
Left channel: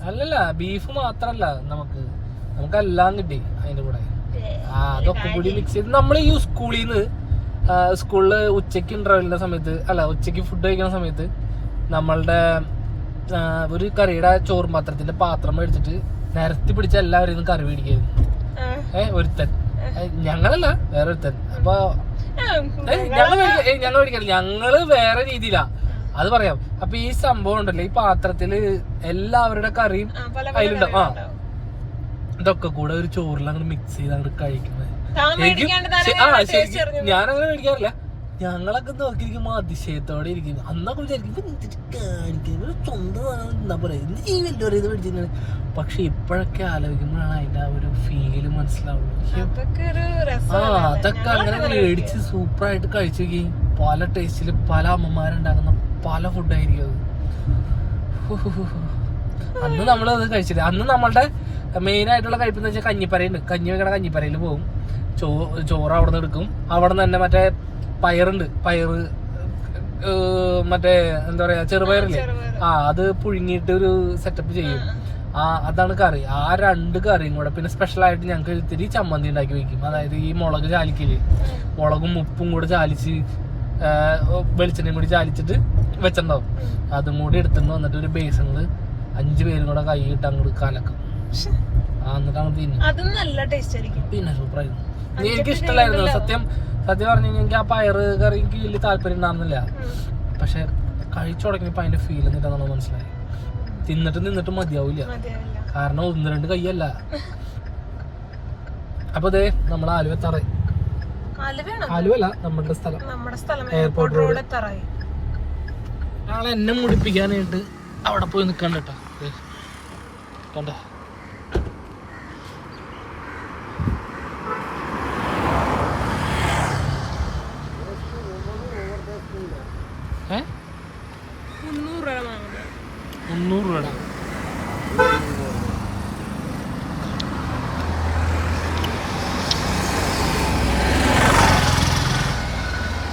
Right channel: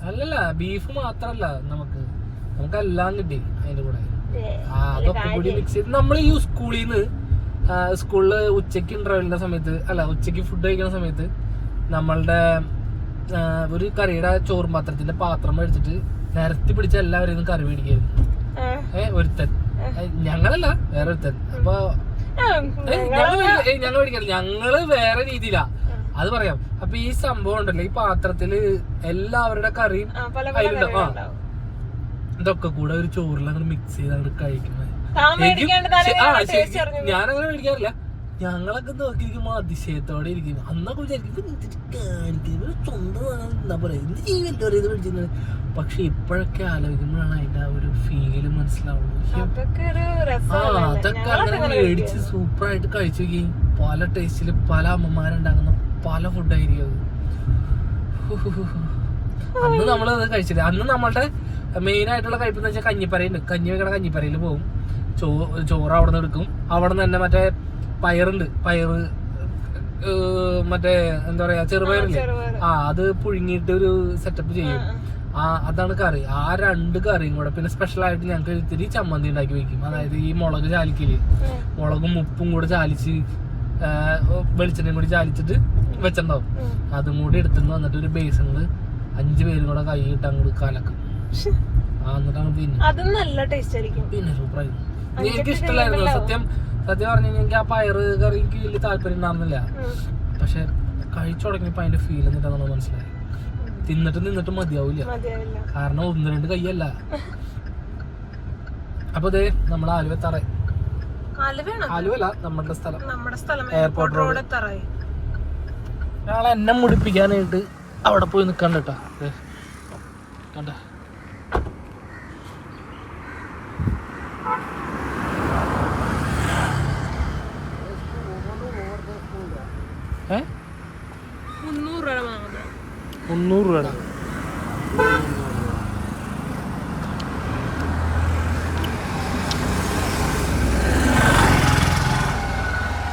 അല്ലല്ല ബീഫ് മാത്രല്ല നമുക്ക്. നമുക്ക് എല്ലാം കിട്ടി അതിന്റെ കൂടെ. ആ അതൊക്കെ കൂടി മിക്സ് ചെയ്ത് നമ്മൾ ഈ സ്കൂളിൽ നിന്ന് സ്കൂളിൽ ഉച്ചയ്ക്ക് ഇന്റർവെല്ലിന്റെ സമയത്ത് അല്ല ഉച്ചയ്ക്ക് ഫുഡ് കഴിക്കുന്ന സമയത്ത് നമ്മളുടെ ഒരു കറിയുടെ ചോറും പാത്രത്തിന്റെ പാത്രം മേടിച്ചിട്ട് നിരത്തി പിടിച്ച എല്ലാവരും കറി മേടിക്കായിരുന്നു. ഏഹ് ഒരുത്തൻ. ഞങ്ങളല്ല വേറെ ഒരുത്തൻ അപ്പൊ ഞങ്ങൾ ഞങ്ങൾ മേടിക്കില്ല ഞങ്ങൾ വേറെ രീതിയിലാ. അത് പറയാം. അപ്പൊ ഈ സംഭവം ഉണ്ടല്ലോ ഈ പാത്രത്തിൽ എല്ലാവരുടെ കറിയും അതിലുണ്ട്. ആ. ഇതൊക്കെ കൂടെ ഒരു ചോറിൽ അങ്ങോട്ട് മിക്സ് ചെയ്ത് അങ്ങോട്ട് കഴിക്കുന്നത് ആ ശരിക്കും ഞാനങ്ങനെ മേടിക്കാറില്ല. ഞങ്ങളൊക്കെ നോക്കിയിരിക്കുമ്പോൾ അതിശയത്തോടെ ഇരിക്കുന്നു. അന്നൊക്കെ വിചാരിക്കും "ഇവൻ എന്തിട്ട് കാണിക്കുന്നത് സ്വന്തം എന്താ പറയുക എന്ത് ജീവിതം ഇത് മേടിച്ചിരുന്നത് പക്ഷെ ഇപ്പോഴൊക്കെ ആലോചിക്കുമ്പോഴാണ് അതിന്റെ ആ ഒരു ഫീൽ മനസ്സിലാവുള്ളൂ ആ അതൊക്കെ അങ്ങനെ മേടിച്ച് സൂപ്പറായിട്ട് കഴിച്ചു നോക്കി. പല ടേസ്റ്റിൽ പല അമ്മമാരുണ്ടാക്കുന്ന പല ഫുഡായിരിക്കും അത്. അന്ന് നമ്മളത് കഴിച്ചില്ല. അന്ന് നമ്മളുടെ മെയിൻ ആയിട്ടുള്ള കഴിപ്പെന്ന് വെച്ചാൽ കഞ്ഞിപ്പറയുണ്ട് കഞ്ഞി വെക്കണ കഞ്ഞിപ്പറയിൽ പോകും ചോ ചോറ് അവിടെ നിന്ന് എടുക്കും. അവിടെ നിന്ന് തന്നെ മറ്റേ പയറുണ്ട് പയറ് മറ്റേ എന്താ പറയാ ചെറുപയറില്ലേ? ആ അത് പുഴുങ്ങിയിട്ട് ഒരു സെറ്റപ്പ് ചെയ്യും. ആ അതാണ് കറി. ആ രണ്ട് കറിയും കൂടെ പിന്നെ സ്പെഷ്യൽ ആയിട്ട് ഞങ്ങൾക്ക് ഇത്തിരി ചമ്മന്തി ഉണ്ടാക്കി വെക്കും. അതായത് ഈ മുളക് ചാലിക്കൽ. മുളകും ഉപ്പും കൂടെ ചാലിച്ച് വെളിച്ചെണ്ണയും കൂടി ചാലിച്ചിട്ട് വെച്ചിട്ടുണ്ടാവും. അതും കൂടി എടുത്തുകൊണ്ട് വന്നിട്ട് ഒരു ബേസങ്ങൾ അഞ്ച് പേരും കൂടെ കൈ ഇട്ട് അങ്ങോട്ട് കലക്കും എന്നിട്ട് അങ്ങോട്ട് തിന്നും. പിന്നെ സൂപ്പറായിരുന്നു എനിക്ക് ഇഷ്ടമല്ലായിരുന്നു സത്യം സത്യം പറഞ്ഞു കഴിഞ്ഞാൽ ആ പയറ് കറി എനിക്ക് വലിയ താല്പര്യം ഉണ്ടായിരുന്നില്ല പക്ഷെ കഴിച്ചു തുടങ്ങിയപ്പോ അതിന്റെ ഫീൽ എന്നിട്ട് നമ്മൾ മനസ്സിലായി. തിന്നിട്ട് നിന്നിട്ട് മതിയാവില്ല. കാരണം ഒന്ന് രണ്ട് കയ്യല്ല. അപ്പൊ അതെ നമ്മൾ ആലുവ തറ ആലുവല്ല നമ്മുടെ സ്ഥലം എയർപോർട്ട് റോഡ് ഒരാളെ എന്നെ മുടിപ്പിക്കാനായിട്ട് അവിടെ പോയി നിൽക്കണ്ട കേട്ടോ. കണ്ട? முந்நூறுரூவாடா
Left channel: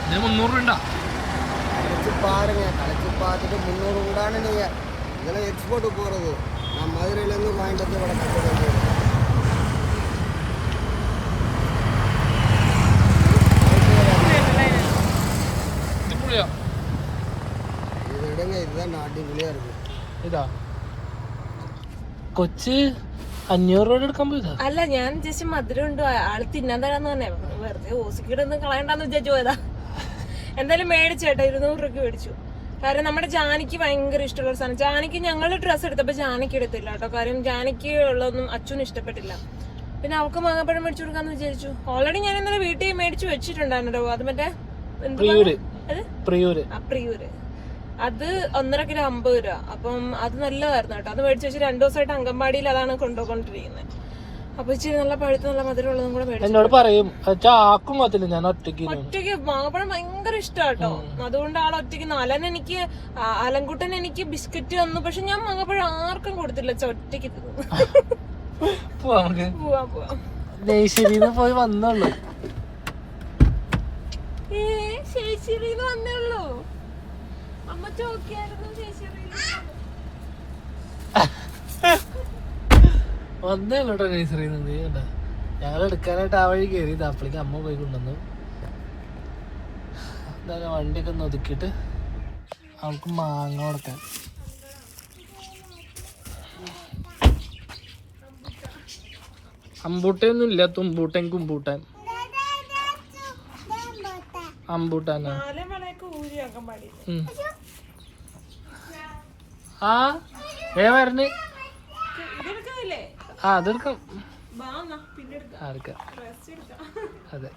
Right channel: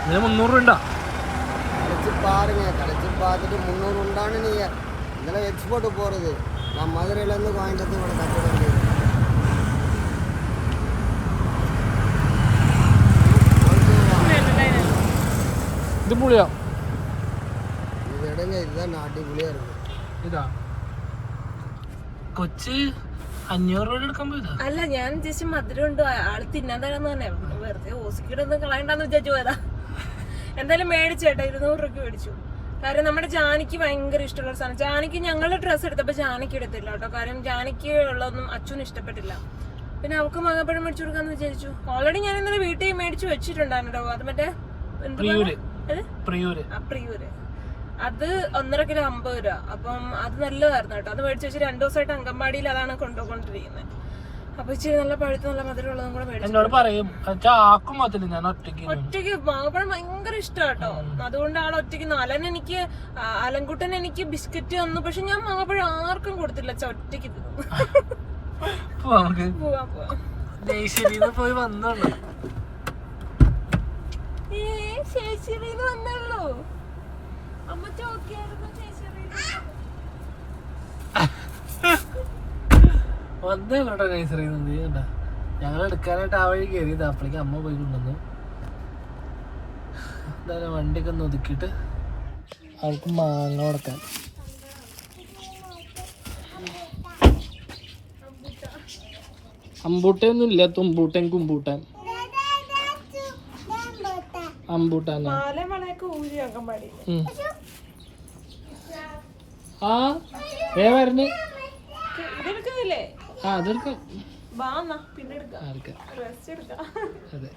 இது முந்நூறுண்டா கடைச்சி பாருங்க கடைச்சி பார்த்துட்டு முந்நூறு உண்டானு நீங்கள் இதெல்லாம் எக்ஸ்போர்ட்டு போகிறது நான் மதுரையிலேருந்து வாங்கிட்டு வந்து இவ்வளோ கட்ட வேண்டியது இதுதான் நாட்டி புளியாக இருக்குது ഇതാ. കൊച്ച് അഞ്ഞൂറ് രൂപ എടുക്കാൻ പോയതാ. അല്ല ഞാൻ ജസ്റ്റ് മധുരം ഉണ്ട്? ആൾ തിന്നാൻ തരാന്ന് തന്നെ വെറുതെ ഓസിക്കിടൊന്നും കളയണ്ടെന്ന് വിചാരിച്ചു പോയതാ. എന്തായാലും മേടിച്ചു കേട്ടോ. ഇരുന്നൂറ് രൂപയ്ക്ക് മേടിച്ചു. കാരണം നമ്മുടെ ജാനിക്ക് ഭയങ്കര ഇഷ്ടമുള്ള ഒരു സാധനം. ജാനിക്ക് ഞങ്ങൾ ഡ്രസ്സ് എടുത്തപ്പോ ജാനിക്ക് എടുത്തില്ല കേട്ടോ. കാര്യം ജാനിക്ക് ഉള്ളതൊന്നും അച്ഛനും ഇഷ്ടപ്പെട്ടില്ല. പിന്നെ അവൾക്ക് മാങ്ങാപ്പഴം മേടിച്ചു കൊടുക്കാന്ന് വിചാരിച്ചു. ഓൾറെഡി ഞാൻ ഇന്നലെ വീട്ടിൽ മേടിച്ചു വെച്ചിട്ടുണ്ടായിരുന്നു അത് മറ്റേ പ്രിയൂര്. അത് ഒന്നര കിലോ അമ്പത് രൂപ. അപ്പം അത് നല്ലതായിരുന്നു കേട്ടോ. അത് മേടിച്ച് വെച്ച് രണ്ടു ദിവസമായിട്ട് അംഗൻവാടിയിൽ അതാണ് കൊണ്ടുപോയിക്കൊണ്ടിരിക്കുന്നത് അപ്പൊ ഇച്ചിരി നല്ല പഴുത്ത് നല്ല മധുരം ഉള്ളതും കൂടെ മേടിച്ചു എന്നോട് പറയും ആക്കും ഞാൻ ഒറ്റയ്ക്ക്. ഒറ്റയ്ക്ക് മാങ്ങപ്പഴം ഭയങ്കര ഇഷ്ടാട്ടോ. അതുകൊണ്ട് ആൾ ഒറ്റയ്ക്ക് അലൻ എനിക്ക് അലൻകുട്ടൻ എനിക്ക് ബിസ്ക്കറ്റ് തന്നു പക്ഷെ ഞാൻ മാങ്ങപ്പഴം ആർക്കും കൊടുത്തില്ല. ഒറ്റയ്ക്ക് പോവാം പോവാ പോയി വന്നുള്ളൂ ഏ ശേഷിയിൽ വന്നുള്ളൂ വന്നേ കേട്ടോ നഴ്സറിന്ന് കണ്ട ഞങ്ങൾ എടുക്കാനായിട്ട് ആ വഴി കയറി അപ്പോഴേക്ക് അമ്മ പോയി കൊണ്ടുവന്നു. എന്തായാലും വണ്ടിയൊക്കെ ഒന്ന് ഒതുക്കിയിട്ട് അവൾക്ക് മാങ്ങ കൊടുക്കാൻ. അമ്പൂട്ടയൊന്നും ഇല്ല തുമ്പൂട്ടൻ കുമ്പൂട്ടൻ. അമ്പൂട്ടാനാ? ആ ഏ വരണ് ആ അതെടുക്കും. വാ അതെ.